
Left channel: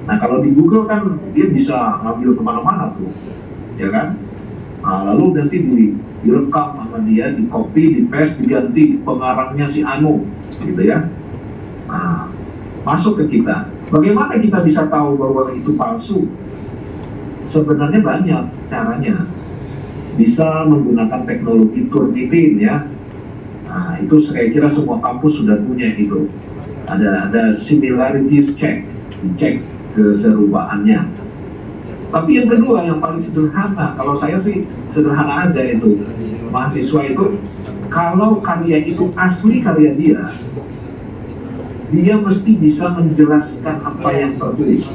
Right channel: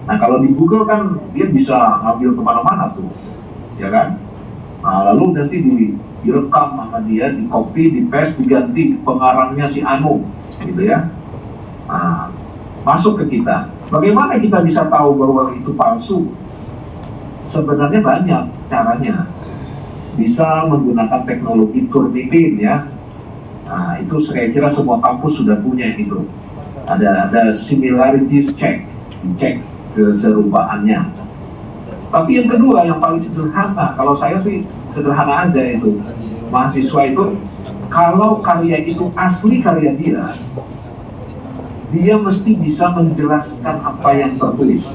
Nah kalau di Google kan dia bisa ngambil kemana-mana tuh, ya kan. Nah lalu nanti direkam sama dia, di copy, di paste, diganti pengarangnya si Anu, gitu ya. Nah, masuk ke kita. Bagaimana kita bisa tahu bahwa itu palsu? Sebenarnya banyak caranya. Bisa menggunakan teknologi Turnitin, ya. Nah, itu saya kira semua kampus sudah punya itu. Ada similarities check, cek keserupaannya. Tapi yang kedua, yang paling sederhana, kalau saya sih sederhana aja itu, mahasiswa itu kalau karya itu asli karya dia mesti bisa menjelaskan apa yang tertulis.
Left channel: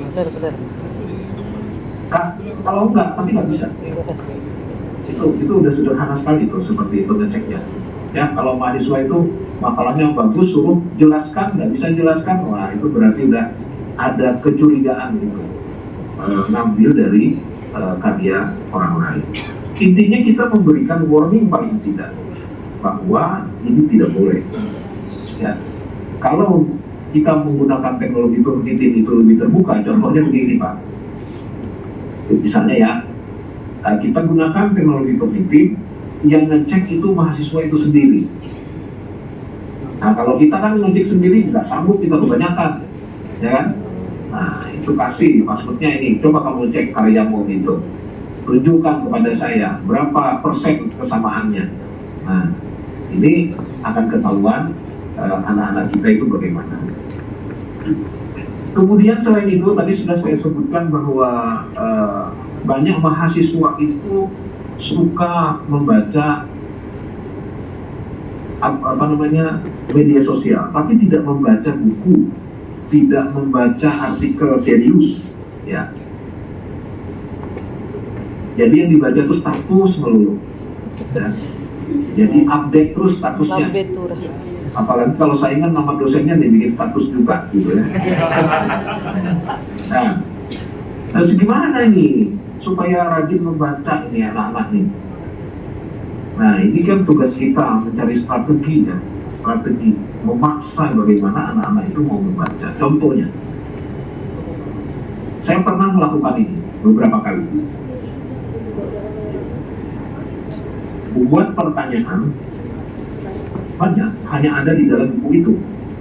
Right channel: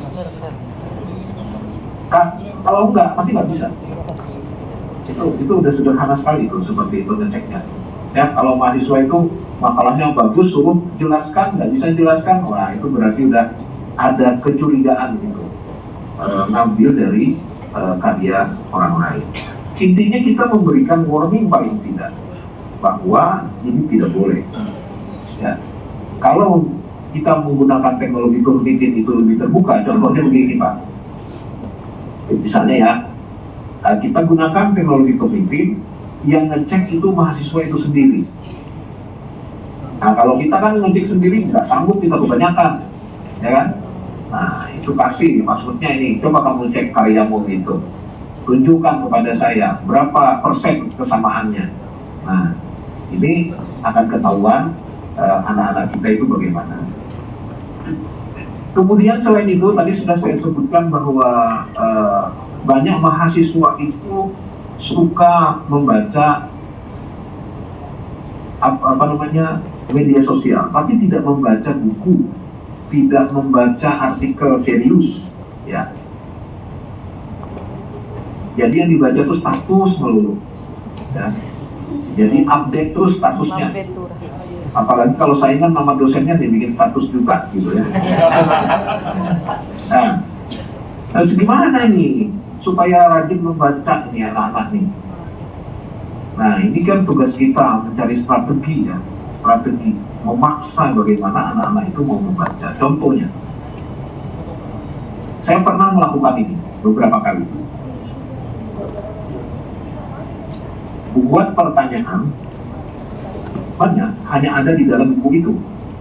Nah, kalau enggak, pasti nggak bisa. Itu udah sederhana sekali tuh, seperti itu ngeceknya. Ya, kalau mahasiswa itu makalahnya bagus, suruh jelaskan, nggak bisa jelaskan, wah itu berarti udah ada kecurigaan gitu, ngambil dari karya orang lain. Intinya kita memberikan warning paling tidak bahwa ini tidak boleh. Ya, kalau kita menggunakan teknologi Turnitin itu lebih terbuka, contohnya begini Pak. Misalnya ya, kita gunakan teknologi Turnitin yang ngecek itu mahasiswa itu sendiri. Nah kalau kita kan ngecek sendiri nggak sanggup, kita kebanyakan, ya kan? Nah itu kasih maksudnya ini, coba kamu cek karyamu itu, tunjukkan kepada saya berapa persen kesamaannya. Nah ini akan ketahuan anak-anak kita itu bagaimana. Kemudian selain itu tadi sudah saya sebutkan bahwa banyak mahasiswa itu suka membaca media sosial, tapi tidak membaca buku, tidak membaca artikel serius, ya. Jadi yang dibaca itu status melulu, ya. Jadi update terus statusnya. Apalagi kalau saingan nama dosennya nih bikin status juga, gitu ya. Nah, gimana ini supaya rajin membaca ini anak-anak nih? Nah, ini kan tugas kita mencari strategi, ya, strategi memaksa bagaimana anak-anak itu mau membaca. Contohnya, saya pernah melakukan ini beberapa kali. Buat pertanyaan banyak, hanya ada di dalam buku itu.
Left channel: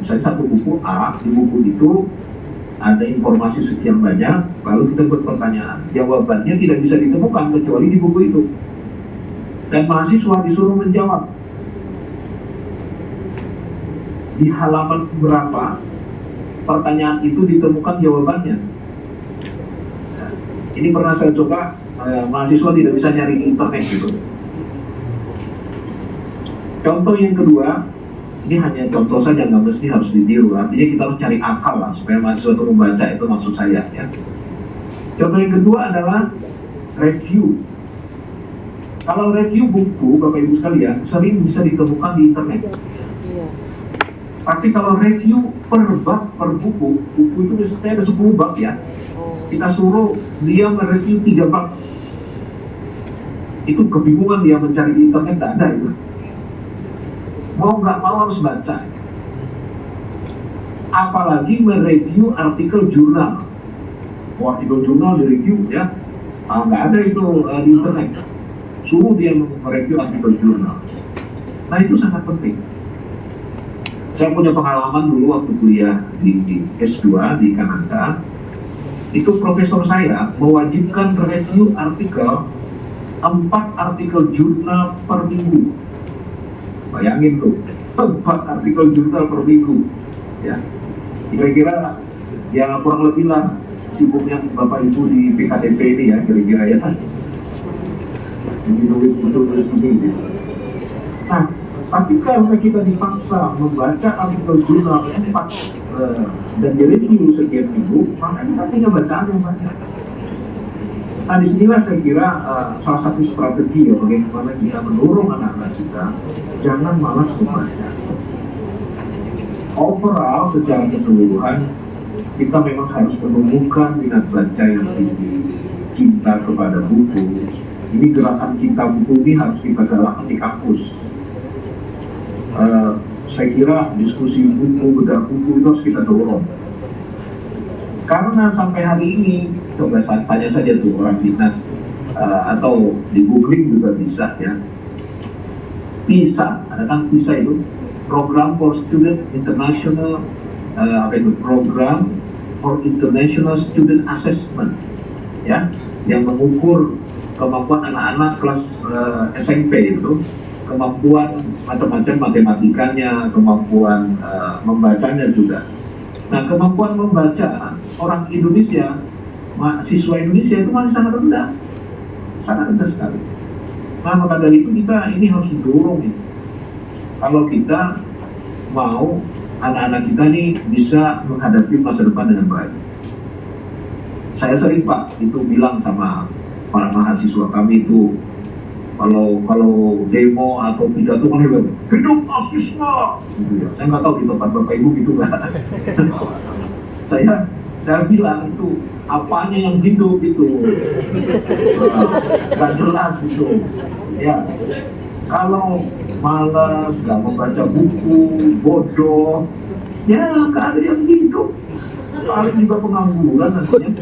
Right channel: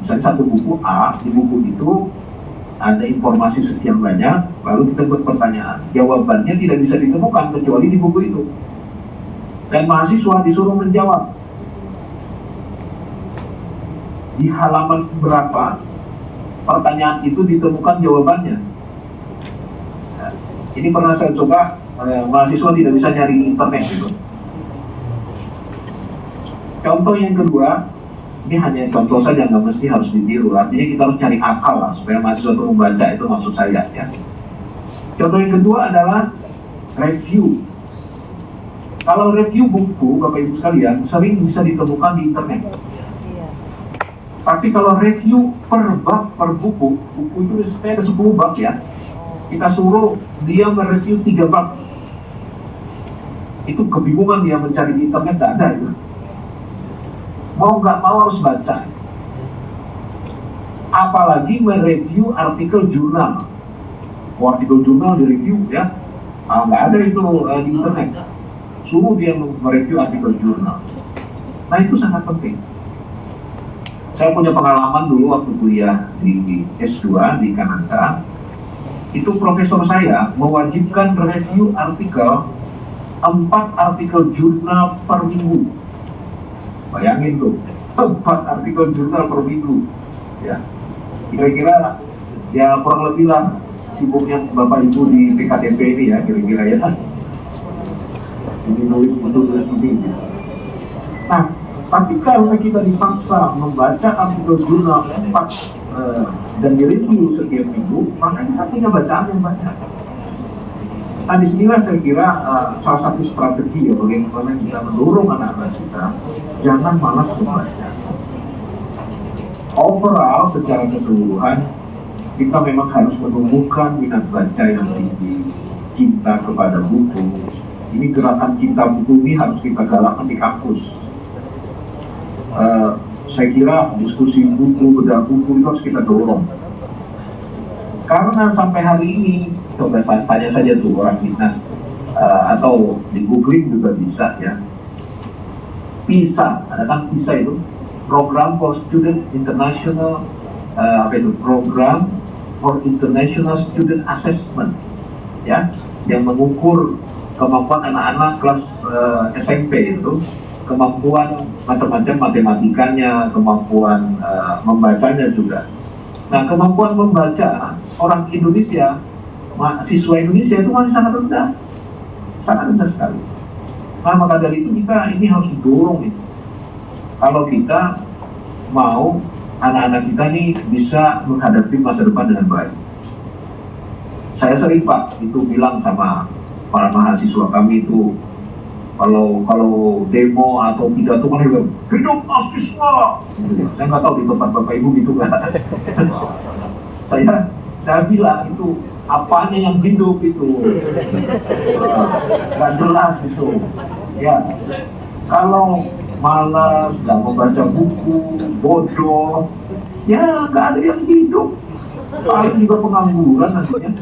Misalnya satu buku A, di buku itu ada informasi sekian banyak, lalu kita buat pertanyaan. Jawabannya tidak bisa ditemukan kecuali di buku itu. Dan mahasiswa disuruh menjawab. Di halaman berapa pertanyaan itu ditemukan jawabannya. Ya, ini pernah saya coba, mahasiswa tidak bisa nyari di internet gitu. Contoh yang kedua, ini hanya contoh saja, nggak mesti harus ditiru. Artinya kita harus cari akal lah supaya mahasiswa itu membaca, itu maksud saya, ya. Contoh yang kedua adalah review. Kalau review buku, Bapak Ibu sekalian, sering bisa ditemukan di internet. Tapi kalau review per bab, per buku itu ada 10 bab, ya. Kita suruh dia mereview 3 bab. Itu kebingungan dia mencari di internet, nggak ada itu. Mau nggak mau harus baca. Apalagi mereview artikel jurnal. Artikel jurnal direview, ya. Nggak ada itu di internet. suruh dia mereview artikel jurnal. Nah itu sangat penting. Saya punya pengalaman dulu waktu kuliah di S2 di Kanada. Itu profesor saya mewajibkan review artikel 4 artikel jurnal per minggu. Bayangin tuh, 4 artikel jurnal per minggu. Ya, kira-kira ya kurang lebih lah sibuknya Bapak Ibu di PKTP ini ya, kira-kira ya. Ini nulis ini gitu. Nah, tapi kalau kita dipaksa membaca artikel jurnal 4 dan direview setiap minggu, maka kita punya bacaan yang banyak. Nah, disinilah saya kira salah satu strategi ya bagaimana kita mendorong anak-anak kita jangan malas membaca. Overall, secara keseluruhan, kita memang harus menumbuhkan minat baca yang tinggi, cinta kepada buku. Ini gerakan cinta buku ini harus kita galakkan di kampus. Saya kira diskusi buku, bedah buku itu harus kita dorong. Karena sampai hari ini, coba tanya saja tuh orang dinas atau di googling juga bisa ya. PISA, ada kan PISA itu Program for Student International Program for International Student Assessment, ya, yang mengukur kemampuan anak-anak kelas SMP itu, kemampuan macam-macam matematikanya, kemampuan membacanya juga. Nah, kemampuan membaca orang Indonesia, siswa Indonesia itu masih sangat rendah sekali. Nah, maka dari itu kita ini harus didorong nih. Kalau kita mau anak-anak kita ini bisa menghadapi masa depan dengan baik. Saya sering Pak itu bilang sama para mahasiswa kami itu kalau demo atau pidato kan dia bilang hidup mahasiswa gitu ya. Saya nggak tahu di tempat Bapak Ibu gitu nggak. saya bilang itu apanya yang hidup itu nggak jelas itu ya. Kalau malas, nggak membaca buku, bodoh, ya nggak ada yang hidup. Paling juga pengangguran nantinya.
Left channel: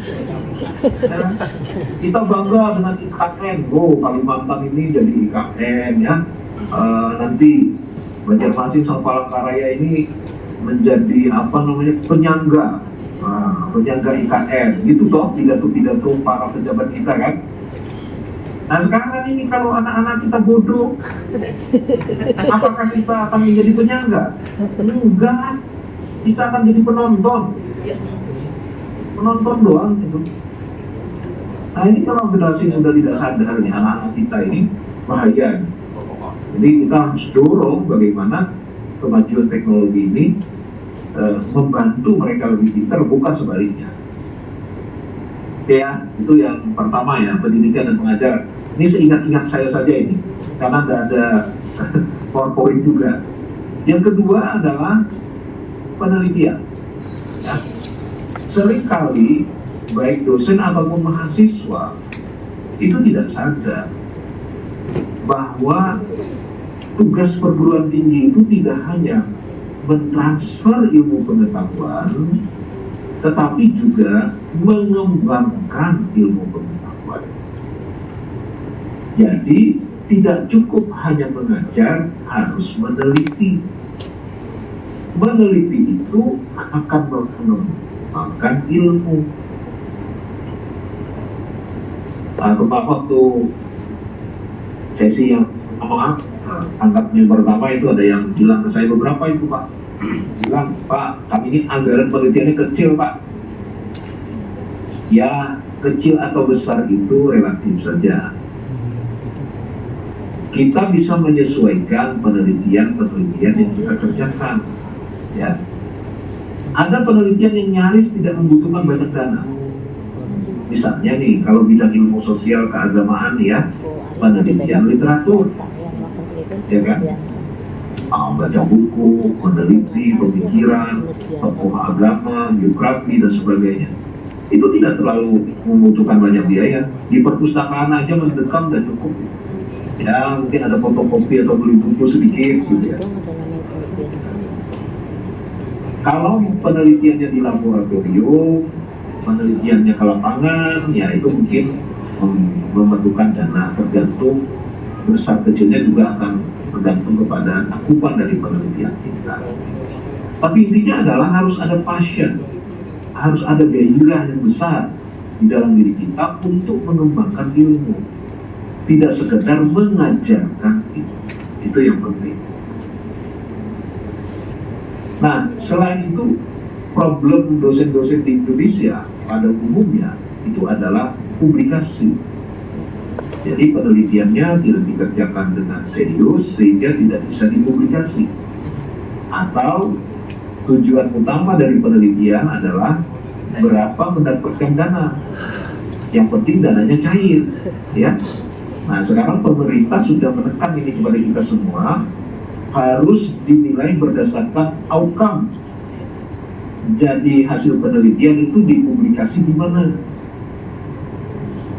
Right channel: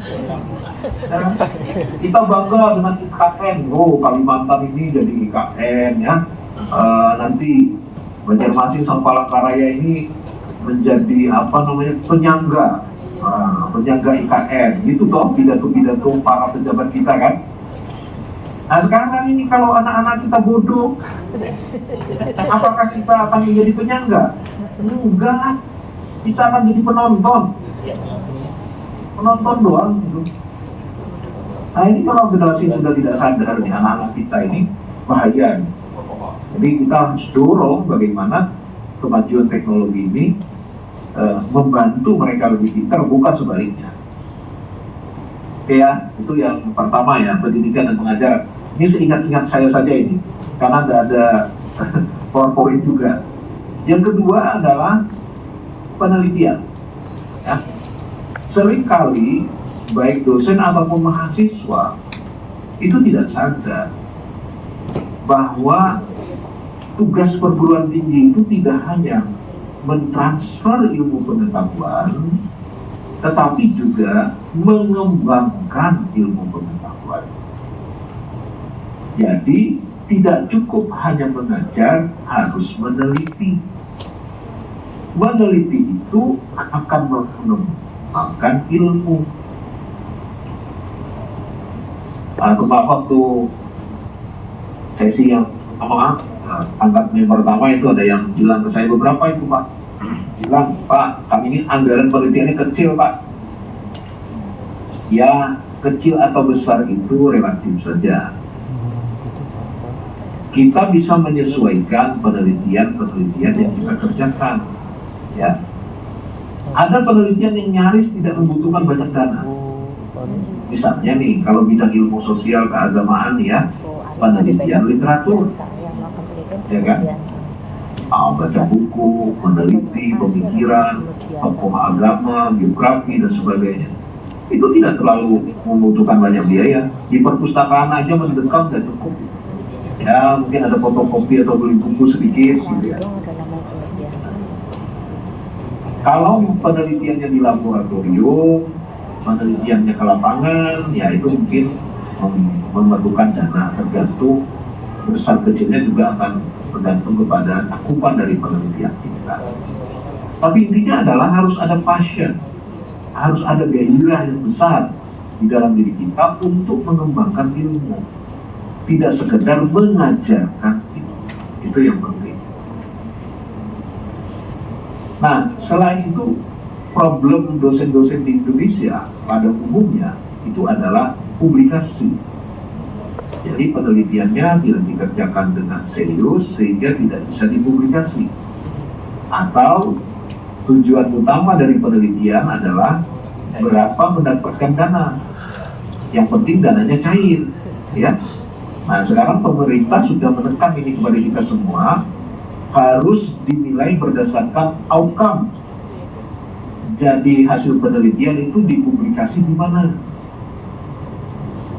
Ya, kita bangga dengan IKN, Kalimantan ini jadi IKN ya. Nanti Banjarmasin sama Palangkaraya ini menjadi penyangga, penyangga IKN. Itu toh pidato-pidato para pejabat kita kan. Nah sekarang ini kalau anak-anak kita bodoh, apakah kita akan menjadi penyangga? Enggak, kita akan jadi penonton doang. Nah ini kalau generasi yang sudah tidak sadar nih, anak-anak kita ini bahaya. Jadi kita harus dorong bagaimana kemajuan teknologi ini membantu mereka lebih pintar, bukan sebaliknya. Oke ya, itu yang pertama ya, pendidikan dan pengajaran. Ini seingat-ingat saya saja ini, karena tidak ada PowerPoint juga. Yang kedua adalah penelitian. Ya. Seringkali baik dosen ataupun mahasiswa itu tidak sadar bahwa tugas perguruan tinggi itu tidak hanya mentransfer ilmu pengetahuan, tetapi juga mengembangkan ilmu pengetahuan. Jadi tidak cukup hanya mengajar, harus meneliti. Meneliti itu akan mengembangkan ilmu. Waktu sesi yang angkatnya pertama itu ada yang bilang ke saya, beberapa itu Pak bilang, Pak kami ini anggaran penelitiannya kecil Pak. Ya kecil atau besar itu relatif saja. Kita bisa menyesuaikan penelitian yang kita kerjakan. Ya, ada penelitian yang nyaris tidak membutuhkan banyak dana. Misalnya nih, kalau bidang ilmu sosial keagamaan ya, penelitian literatur, ya kan? Baca buku, meneliti pemikiran, tokoh agama, biografi dan sebagainya. Itu tidak terlalu membutuhkan banyak biaya. Di perpustakaan aja mendekam dan cukup. Ya mungkin ada fotokopi atau beli buku sedikit gitu ya. Kalau penelitiannya di laboratorium, penelitiannya ke lapangan, ya itu mungkin memerlukan dana tergantung besar kecilnya juga akan bergantung kepada cakupan dari penelitian kita. Tapi intinya adalah harus ada passion, harus ada gairah yang besar di dalam diri kita untuk mengembangkan ilmu, tidak sekedar mengajarkan ilmu. Itu yang penting. Nah, selain itu, problem dosen-dosen di Indonesia pada umumnya itu adalah publikasi. Jadi penelitiannya tidak dikerjakan dengan serius sehingga tidak bisa dipublikasi. Atau tujuan utama dari penelitian adalah berapa mendapatkan dana. Yang penting dananya cair, ya. Nah, sekarang pemerintah sudah menekan ini kepada kita semua, harus dinilai berdasarkan outcome. Jadi hasil penelitian itu dipublikasi di mana?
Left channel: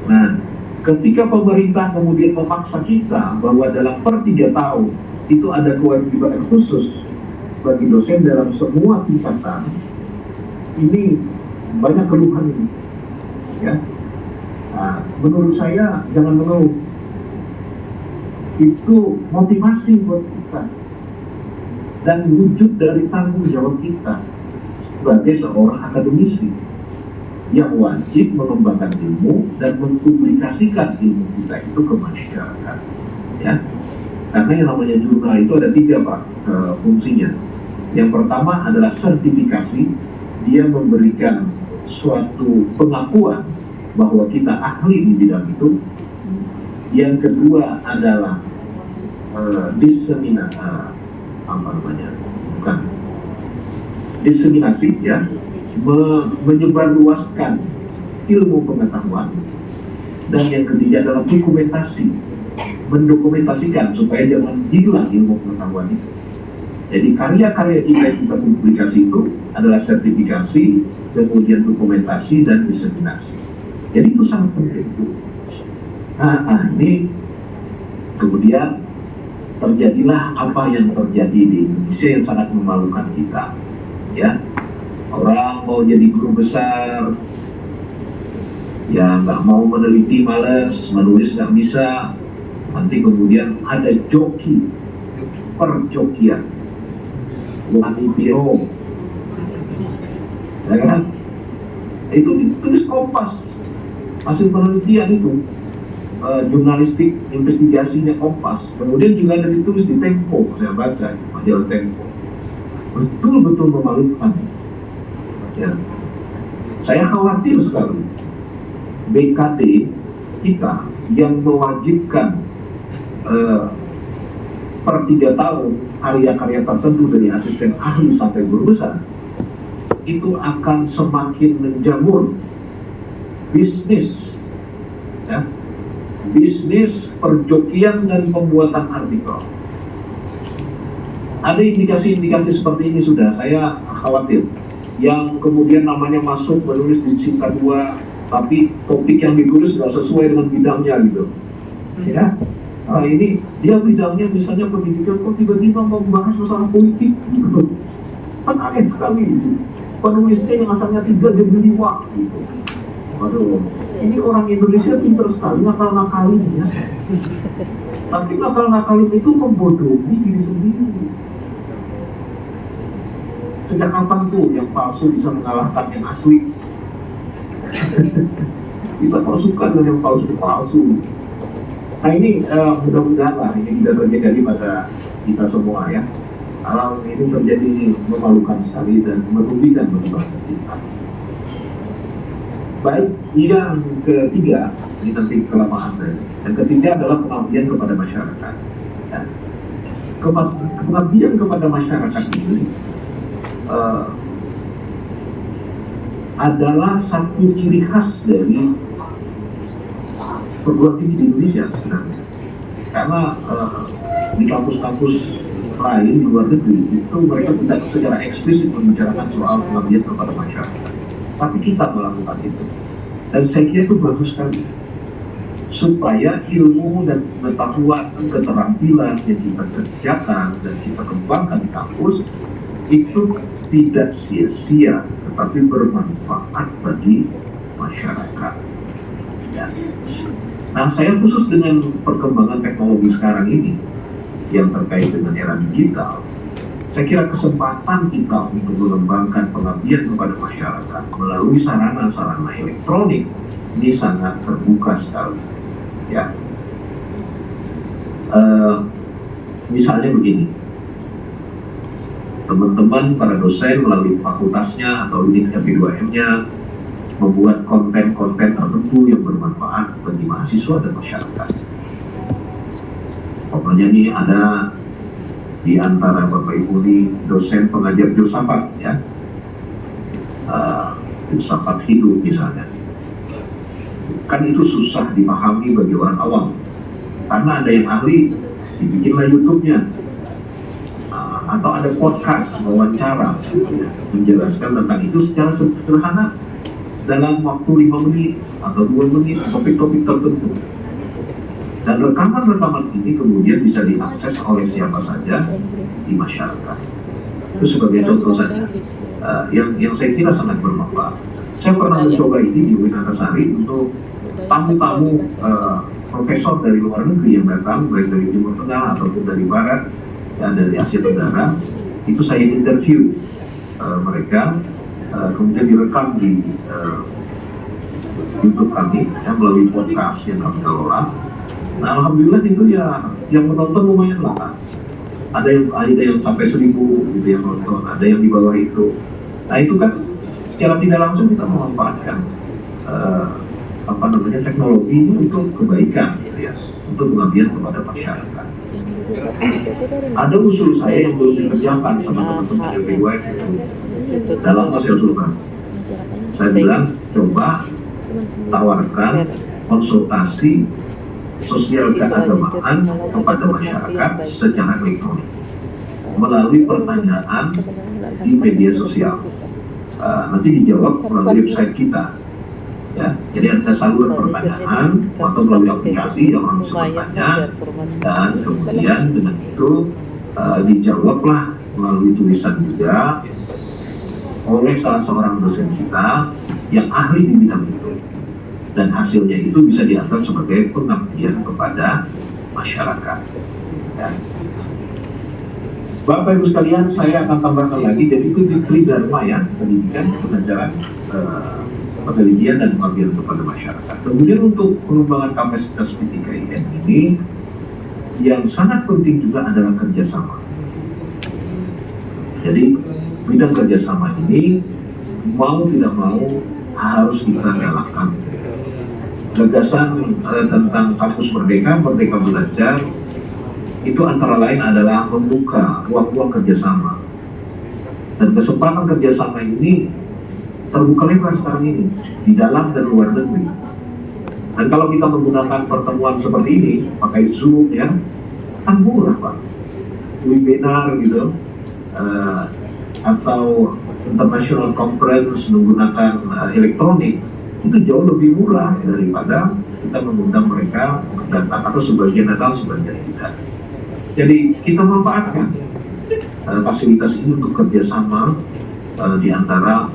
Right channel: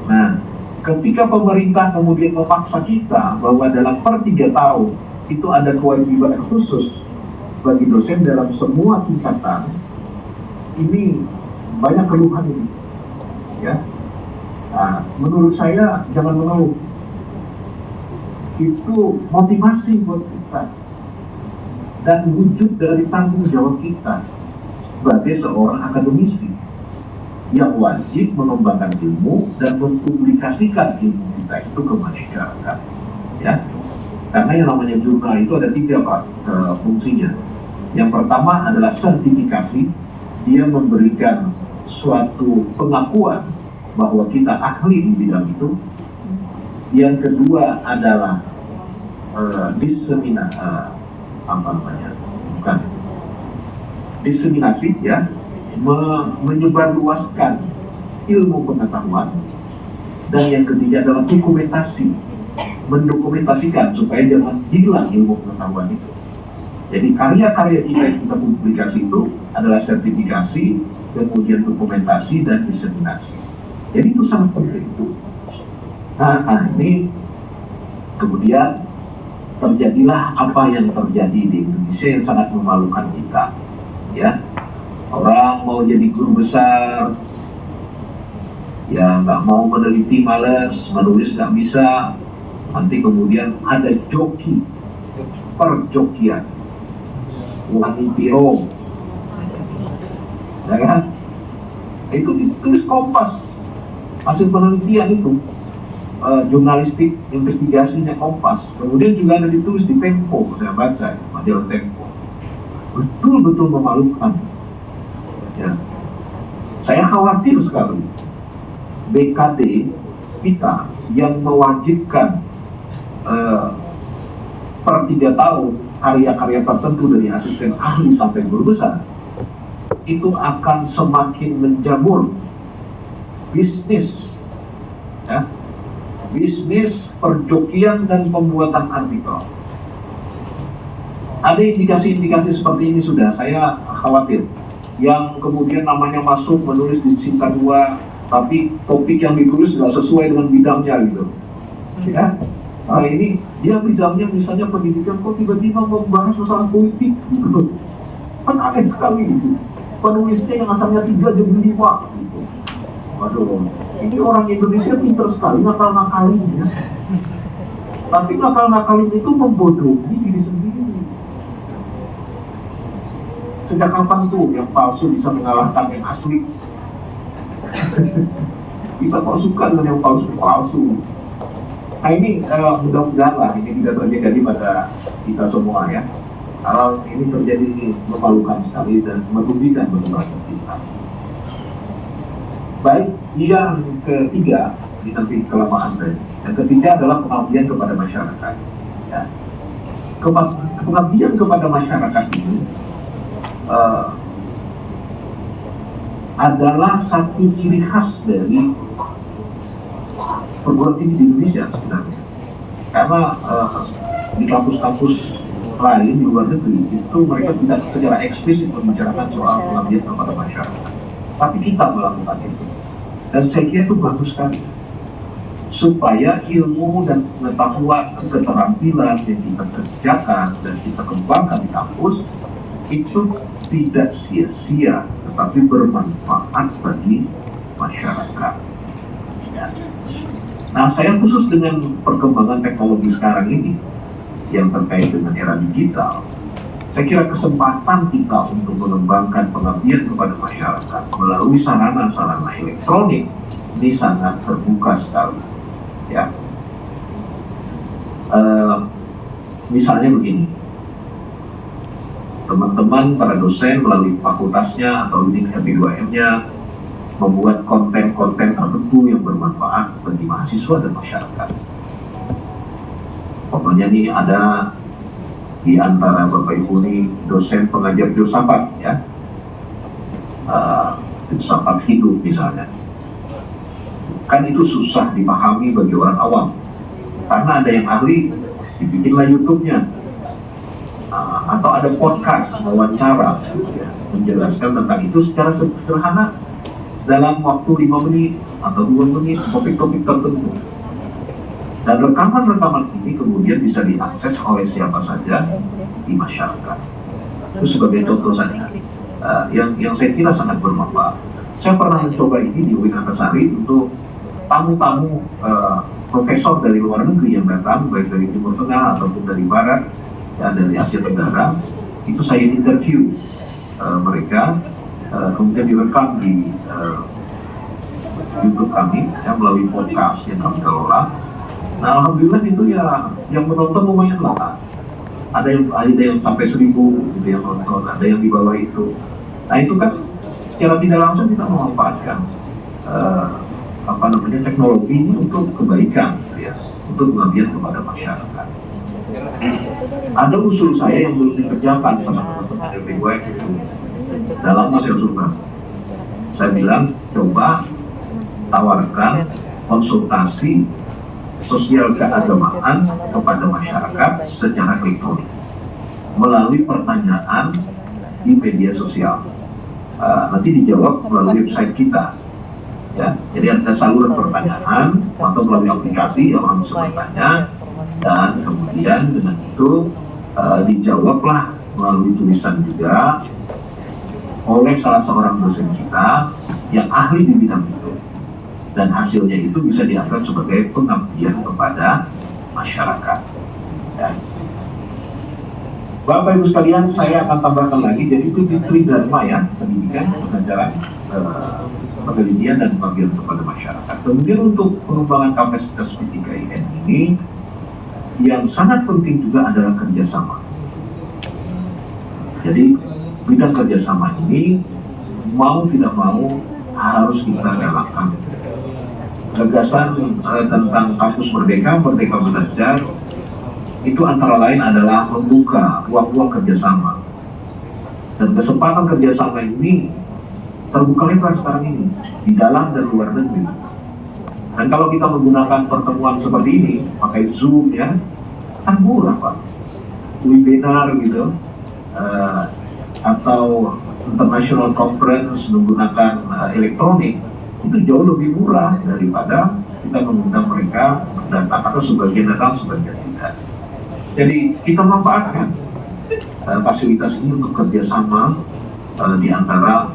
Nah, ketika pemerintah kemudian memaksa kita bahwa dalam per 3 tahun itu ada kewajiban khusus bagi dosen dalam semua tingkatan, ini banyak keluhan ini, ya. Nah, menurut saya jangan mengeluh. Itu motivasi buat kita dan wujud dari tanggung jawab kita sebagai seorang akademisi yang wajib mengembangkan ilmu dan mempublikasikan ilmu kita itu ke masyarakat, ya. Karena yang namanya jurnal itu ada 3 Pak fungsinya. Yang pertama adalah sertifikasi, dia memberikan suatu pengakuan bahwa kita ahli di bidang itu. Yang kedua adalah diseminasi, ya, menyebarluaskan ilmu pengetahuan. Dan yang ketiga adalah dokumentasi, mendokumentasikan supaya jangan hilang ilmu pengetahuan itu. Jadi karya-karya kita yang kita publikasi itu adalah sertifikasi, kemudian dokumentasi dan diseminasi. Jadi itu sangat penting. Nah, ini kemudian terjadilah apa yang terjadi di Indonesia yang sangat memalukan kita, ya. Orang mau jadi guru besar, ya nggak mau meneliti, males, menulis nggak bisa, nanti kemudian ada joki, perjokian, wanipiro, ya kan? Itu ditulis Kompas, hasil penelitian itu. Jurnalistik investigasinya Kompas, kemudian juga ada ditulis di Tempo, saya baca majalah Tempo, betul-betul memalukan, ya. Saya khawatir sekali BKD kita yang mewajibkan per 3 tahun karya-karya tertentu dari asisten ahli sampai guru besar itu akan semakin menjamur bisnis, ya. Bisnis perjokian dan pembuatan artikel. Ada indikasi-indikasi seperti ini sudah, saya khawatir. Yang kemudian namanya masuk menulis di Sinta 2, tapi topik yang ditulis nggak sesuai dengan bidangnya gitu, ya. Nah, ini dia bidangnya misalnya pendidikan, kok tiba-tiba membahas masalah politik gitu. Kan aneh sekali gitu. Penulisnya yang asalnya 3 jadi 5 gitu. Waduh, ini orang Indonesia pintar sekali ngakal-ngakalin, ya. Tapi ngakal-ngakalin itu membodohi diri sendiri. Sejak kapan tuh yang palsu bisa mengalahkan yang asli? Kita kok suka dengan yang palsu-palsu. Nah, ini mudah-mudahan lah ini tidak terjadi pada kita semua, ya. Kalau ini terjadi memalukan sekali dan merugikan bagi bangsa kita. Baik, yang ketiga, ini nanti kelamaan saya. Yang ketiga adalah pengabdian kepada masyarakat, ya. Pengabdian kepada masyarakat ini adalah satu ciri khas dari perguruan tinggi di Indonesia sebenarnya. Karena di kampus-kampus lain di luar negeri itu mereka tidak secara eksplisit membicarakan soal pengabdian kepada masyarakat. Tapi kita melakukan itu. Dan saya kira itu bagus sekali. Supaya ilmu dan pengetahuan, keterampilan yang kita kerjakan dan kita kembangkan di kampus itu tidak sia-sia, tetapi bermanfaat bagi masyarakat. Ya. Nah, saya khusus dengan perkembangan teknologi sekarang ini yang terkait dengan era digital, saya kira kesempatan kita untuk mengembangkan pengabdian kepada masyarakat melalui sarana-sarana elektronik ini sangat terbuka sekali. Ya, misalnya begini, teman-teman para dosen melalui fakultasnya atau unit RP2M-nya membuat konten-konten tertentu yang bermanfaat bagi mahasiswa dan masyarakat. Pokoknya nih ada di antara Bapak Ibu ini dosen pengajar filsafat, ya, filsafat hidup misalnya, kan itu susah dipahami bagi orang awam karena ada yang ahli, dibikinlah YouTube-nya, atau ada podcast wawancara gitu ya, menjelaskan tentang itu secara sederhana dalam waktu 5 menit atau 2 menit topik-topik tertentu. Dan rekaman-rekaman ini kemudian bisa diakses oleh siapa saja di masyarakat. Itu sebagai contoh saja, yang saya kira sangat bermanfaat. Saya pernah mencoba ini di UIN Antasari untuk tamu-tamu profesor dari luar negeri yang datang, baik dari Timur Tengah ataupun dari Barat, ya, dari Asia Tenggara. Itu saya interview mereka, kemudian direkam di YouTube kami, ya, melalui podcast yang kami kelola. Nah, alhamdulillah itu ya yang menonton lumayan lah. Ada yang sampai 1000 gitu yang menonton, ada yang di bawah itu. Nah, itu kan secara tidak langsung kita memanfaatkan teknologi ini untuk kebaikan, gitu ya, untuk pengabdian kepada masyarakat. Ada usul saya yang belum dikerjakan sama teman-teman dari WIB dalam masa surga. Saya bilang coba tawarkan konsultasi sosial keagamaan kepada masyarakat secara elektronik melalui pertanyaan di media sosial. Nanti dijawab melalui website kita, ya. Jadi ada saluran pertanyaan atau melalui aplikasi yang orang bisa bertanya, dan kemudian dengan itu dijawablah melalui tulisan juga oleh salah seorang dosen kita yang ahli di bidang itu. Dan hasilnya itu bisa dianggap sebagai pengabdian kepada masyarakat. Ya. Bapak Ibu sekalian, saya akan tambahkan lagi, jadi itu di Tridharma, ya, pendidikan, pengajaran, penelitian dan pengabdian kepada masyarakat. Kemudian untuk pengembangan kapasitas PTKIN ini, yang sangat penting juga adalah kerjasama. Jadi bidang kerjasama ini mau tidak mau harus kita galakkan. Gagasan tentang kampus Merdeka Belajar itu antara lain adalah membuka ruang-ruang kerjasama, dan kesempatan kerjasama ini terbuka lebar sekarang ini di dalam dan luar negeri. Dan kalau kita menggunakan pertemuan seperti ini pakai Zoom, ya, kan murah, Pak, webinar gitu, atau international conference menggunakan elektronik, itu jauh lebih murah daripada kita mengundang mereka datang, atau sebagian datang sebagian tidak. Jadi kita manfaatkan fasilitas ini untuk kerjasama di antara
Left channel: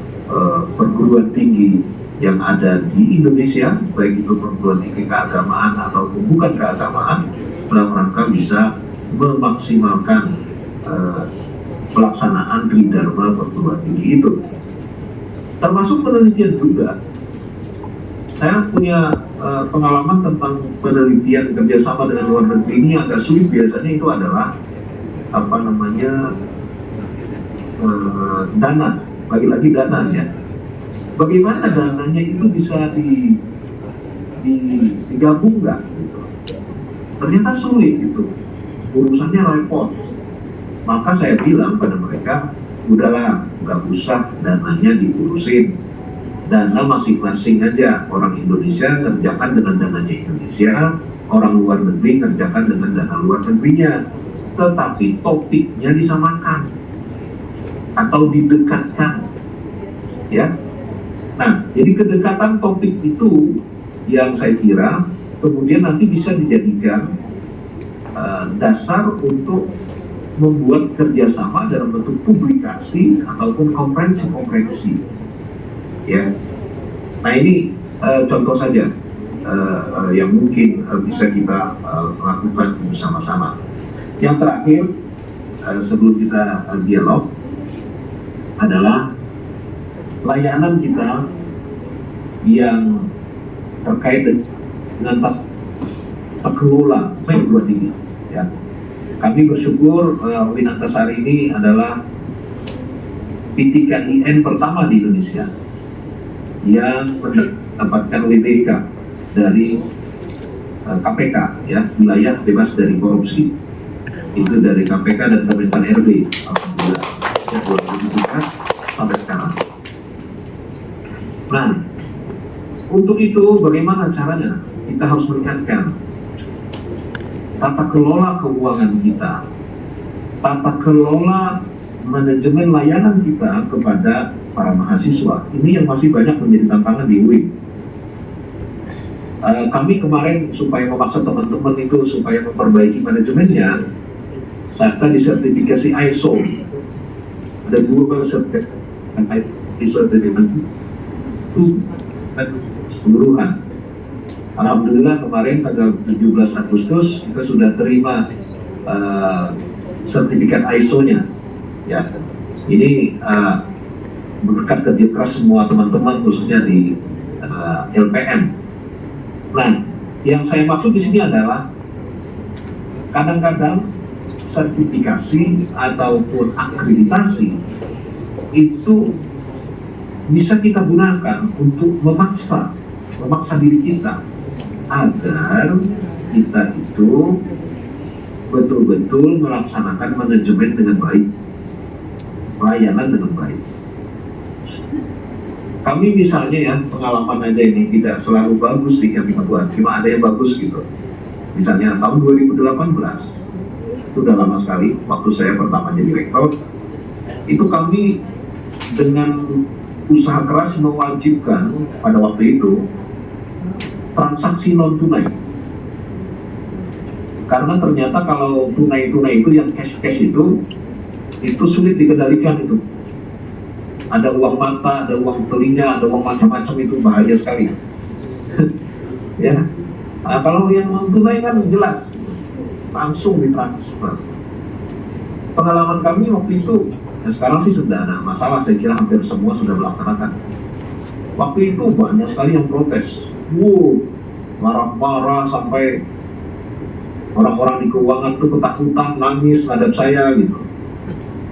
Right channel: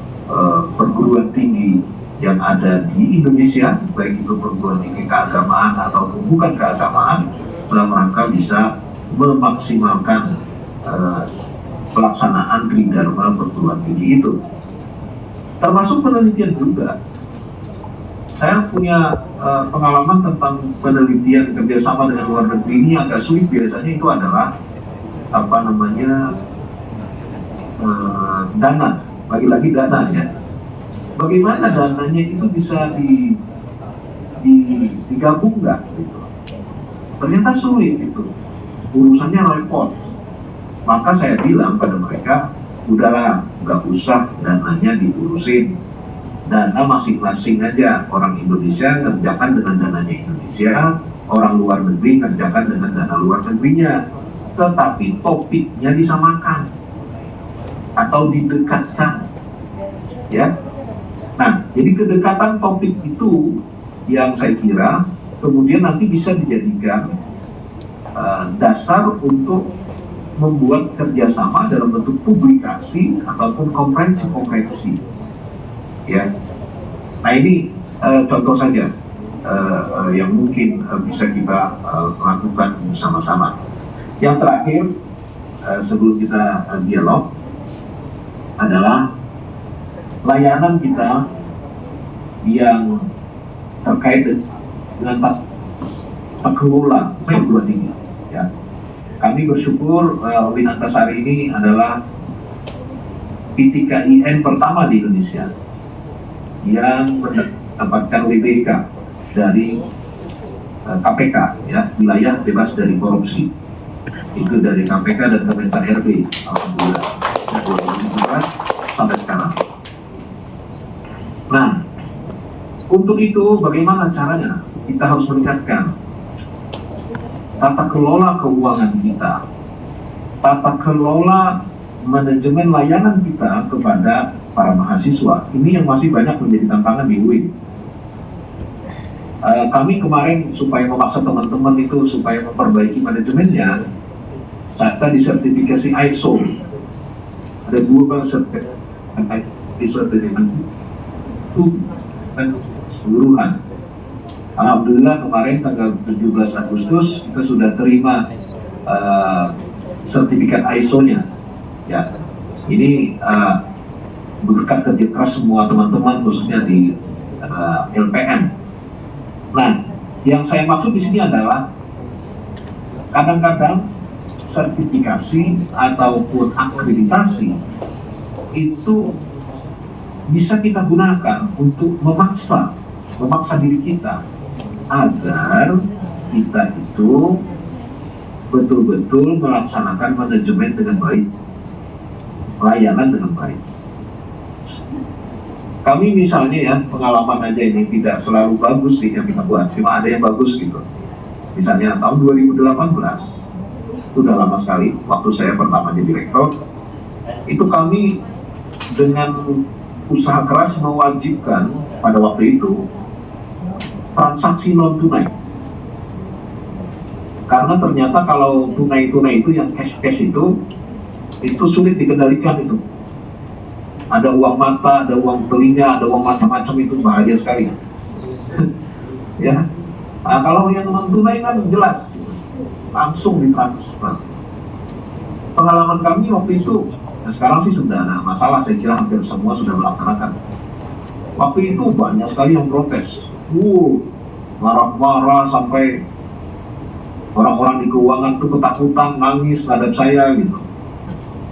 perguruan tinggi yang ada di Indonesia, baik itu perguruan tinggi keagamaan ataupun bukan keagamaan, dalam rangka bisa memaksimalkan pelaksanaan Tridharma perguruan tinggi itu. Termasuk penelitian juga. Saya punya pengalaman tentang penelitian kerjasama dengan luar negeri ini agak sulit. Biasanya itu adalah dana, lagi-lagi dananya. Bagaimana dananya itu bisa digabung nggak? Gitu. Ternyata sulit itu, urusannya repot. Maka saya bilang pada mereka, udahlah, nggak usah dananya diurusin. Dana masing-masing aja, orang Indonesia kerjakan dengan dananya Indonesia, orang luar negeri kerjakan dengan dana luar negerinya, tetapi topiknya disamakan atau didekatkan, ya. Nah, jadi kedekatan topik itu yang saya kira kemudian nanti bisa dijadikan dasar untuk membuat kerjasama dalam bentuk publikasi ataupun konferensi-konferensi. Ya, nah ini contoh saja. yang mungkin bisa kita lakukan bersama-sama. Yang terakhir, sebelum kita dialog, adalah layanan kita yang terkait dengan kelola perguruan tinggi. Ya. Kami bersyukur Winantasari ini adalah PTKIN pertama di Indonesia yang mendapatkan WBK dari KPK, ya, wilayah bebas dari korupsi. Itu dari KPK dan Kemenpan RB, alhamdulillah, 2017 sampai sekarang. Nah, untuk itu bagaimana caranya? Kita harus meningkatkan tata kelola keuangan kita, tata kelola manajemen layanan kita kepada para mahasiswa. Ini yang masih banyak menjadi tantangan di UIN. Kami kemarin supaya memaksa teman-teman itu supaya memperbaiki manajemennya, saya disertifikasi ISO, ada Global Certificate ISO itu dan keseluruhan. Alhamdulillah kemarin tanggal 17 Agustus kita sudah terima sertifikat ISO-nya. Ya, ini berkat kerja keras semua teman-teman khususnya di LPM. Nah, yang saya maksud di sini adalah kadang-kadang sertifikasi ataupun akreditasi itu bisa kita gunakan untuk memaksa diri kita agar kita itu betul-betul melaksanakan manajemen dengan baik, pelayanan dengan baik. Kami misalnya ya, pengalaman aja ini tidak selalu bagus sih yang kita buat, cuma ada yang bagus gitu. Misalnya tahun 2018, itu udah lama sekali, waktu saya pertama jadi rektor, itu kami dengan usaha keras mewajibkan pada waktu itu transaksi non tunai. Karena ternyata kalau tunai-tunai itu yang cash itu sulit dikendalikan itu. Ada uang mata, ada uang telinga, ada uang macam-macam, itu bahaya sekali. Ya, nah, kalau yang non tunai kan jelas langsung ditransfer. Pengalaman kami waktu itu, ya sekarang sih sudah ada masalah, saya kira hampir semua sudah melaksanakan. Waktu itu banyak sekali yang protes, marah-marah sampai orang-orang di keuangan tuh ketakutan, nangis ngadap saya gitu.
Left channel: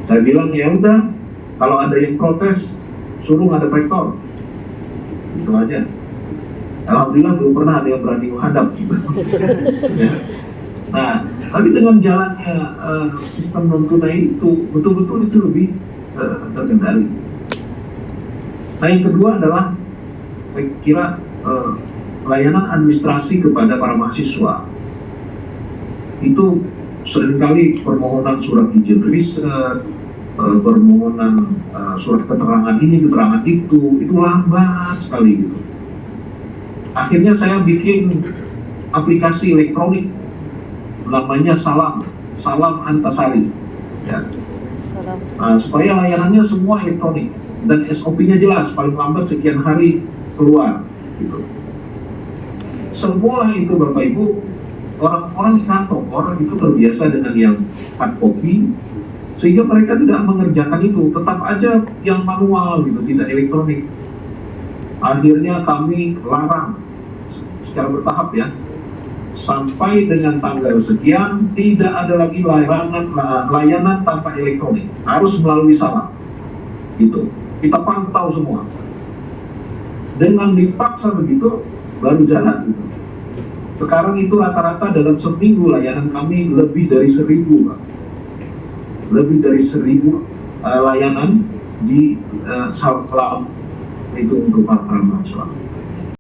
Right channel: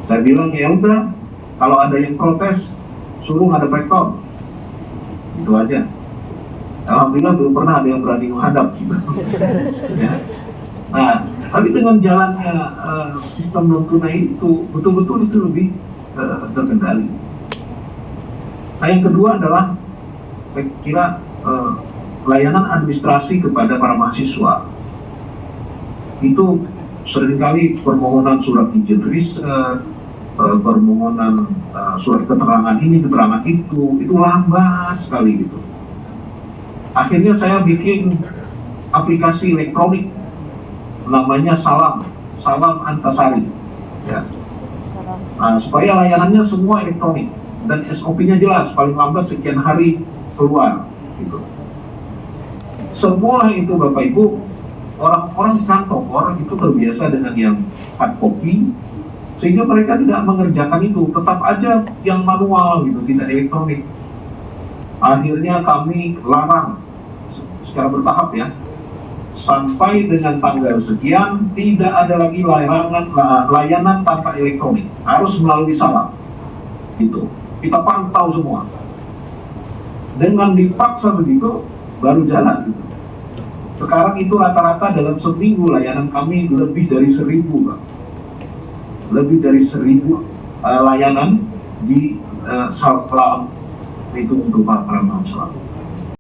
Saya bilang ya udah, kalau ada yang protes, suruh ngadap rektor, itu aja. Alhamdulillah belum pernah ada yang berani menghadap gitu. Ya. Nah, tapi dengan jalannya sistem non tunai itu betul-betul itu lebih terkendali. Nah, yang kedua adalah saya kira layanan administrasi kepada para mahasiswa. Itu seringkali permohonan surat izin riset, permohonan surat keterangan ini, keterangan itu lambat sekali gitu. Akhirnya saya bikin aplikasi elektronik namanya Salam Antasari, ya. Nah, supaya layanannya semua elektronik dan SOP-nya jelas, paling lambat sekian hari keluar gitu. Semua itu Bapak Ibu, orang-orang kantor, orang itu terbiasa dengan yang hard copy, sehingga mereka tidak mengerjakan itu, tetap aja yang manual gitu, tidak elektronik. Akhirnya kami larang secara bertahap ya, sampai dengan tanggal sekian tidak ada lagi layanan tanpa elektronik, harus melalui Salam gitu. Kita pantau semua. Dengan dipaksa begitu baru jalan gitu. Sekarang itu rata-rata dalam seminggu layanan kami lebih dari 1.000, Pak. Lebih dari 1.000 layanan di Salam itu untuk para mahasiswa.